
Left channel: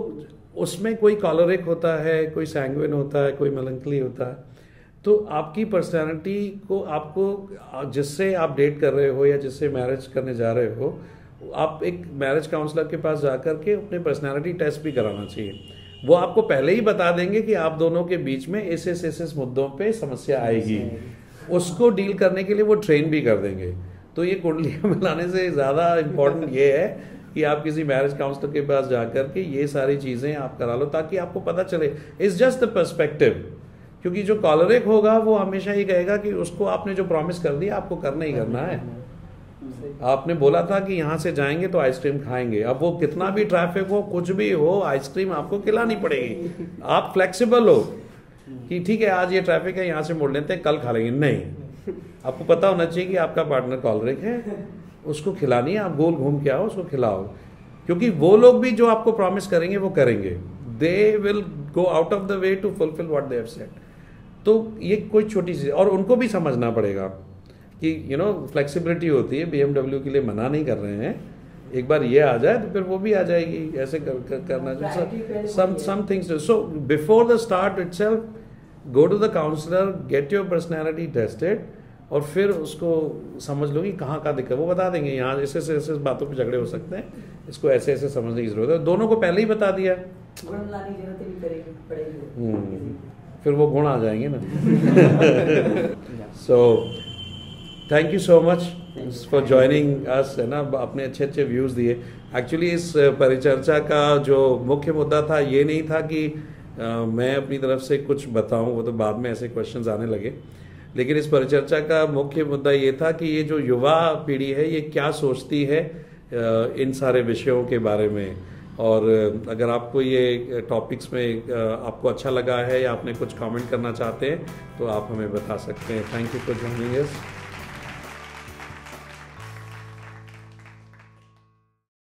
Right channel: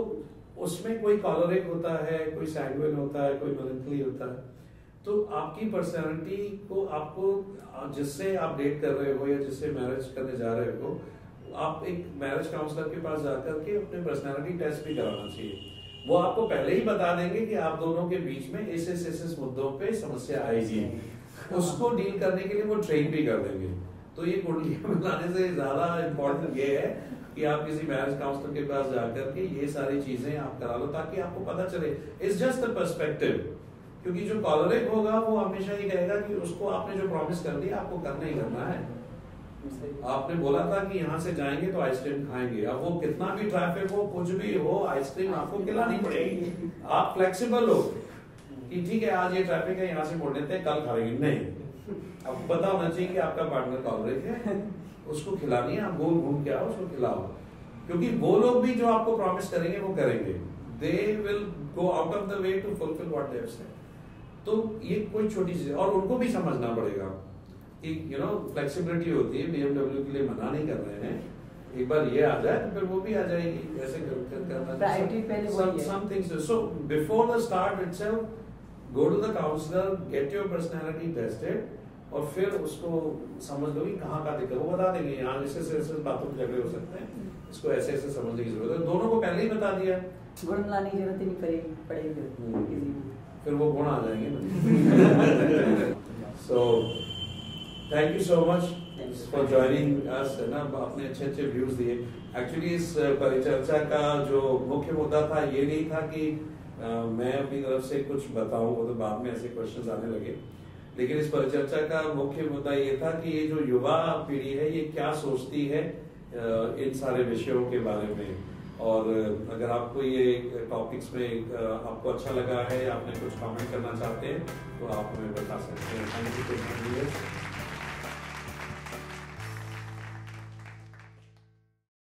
उसमें कोई कॉलरिक होता है, कोई सैंग्विन होता है, कोई मेलंकली होता है। तो आपकी पर्सनालिटी को आपको जिससे आप डेट कर रहे हो या जिससे मैरिज करने जा रहे हो, आप एक मैरिज काउंसलर के पास जाकर के अपने पर्सनालिटी टेस्ट भी कराना चाहिए। वो आपको पहले ही बता देंगे कि आप दोनों के बीच में इस मुद्दों पे समस्या आएगी, उसको डील करने के लिए वो ट्रेन भी कर देंगे। तो ये कुंडलियां मिलाने से ज्यादा इम्पोर्टेंट ये है कि आप किसी मैरिज काउंसलर के पास जाकर के ये सारी चीजें आप करा लो, ताकि आपको पता चले। इट्स जस्ट द पर्सपेक्टिव, क्योंकि जो कॉलरिक होगा वो हमेशा ये कहेगा कि उसको आपने जो प्रॉमिस कर दिया आपको करना ही करना है। आपने बोला था कि यहाँ से जाएंगे तो आइसक्रीम खाएंगे, अब वो कितना भी ट्रैफिक हो, कुछ भी हो, आइसक्रीम आपको खिलानी पड़ेगी। आप फ्लेक्सिबल हो कि ठीक है आज ये ट्रैफिक है, यहाँ से मोड़ लेते हैं, कल खा लेंगे, नहीं। आपको पता होना चाहिए कि आपका पार्टनर कॉलरिक है, उसको खिलानी है, आप गोल घूम के आओ, उसको खिलाओ। क्योंकि वो लोग भी जो आपको प्रॉमिस करेंगे वो करेंगे, they will go out of the way to fulfil what they have said. तो ये कोई छोटी चीज, और उनको भी समझना पड़ेगा कि फ्लेक्सिबिलिटी होती है। BMW के लिए मना नहीं कर रहे हैं, एक बार ये आ जाए तो फिर वो भी आ जाएगी, ऐसे करना चाहिए। Some things, so before the start itself go to the counsellor, get your personality tested, और फिर उसको समझ लो कि कहाँ का दिक्कत, वो बता देंगे यहाँ ऐसे बातों पे झगड़े हो सकते हैं, इसको ऐसे ऐसे समझने की जरूरत है। दोनों को पहले ही बता दिया, गुण लाने की जरूरत नहीं पड़ेगी, फिर वो गुण आ जाएंगे ना। So thank you so much for joining us, है ना, अपने अच्छे अच्छे व्यूज दिए। एक्चुअली इस परिचर्चा का जो मुख्य मुद्दा था ये नहीं था कि मैं अपनी तरफ से कुछ बताऊं, वो तो बाद में ऐसे क्वेश्चंस आने लगे। लेकिन इस परिचर्चा का मुख्य मुद्दा ये था कि ये जो युवा पीढ़ी है ये क्या सोचती है इन सारे विषयों के बारे में। और अगर आपको ये टॉपिक्स में आपको अच्छा लगा है या आपने कुछ कमेंट करना चाहते हैं तो आप हमें बता सकते हैं। Thank you for joining us.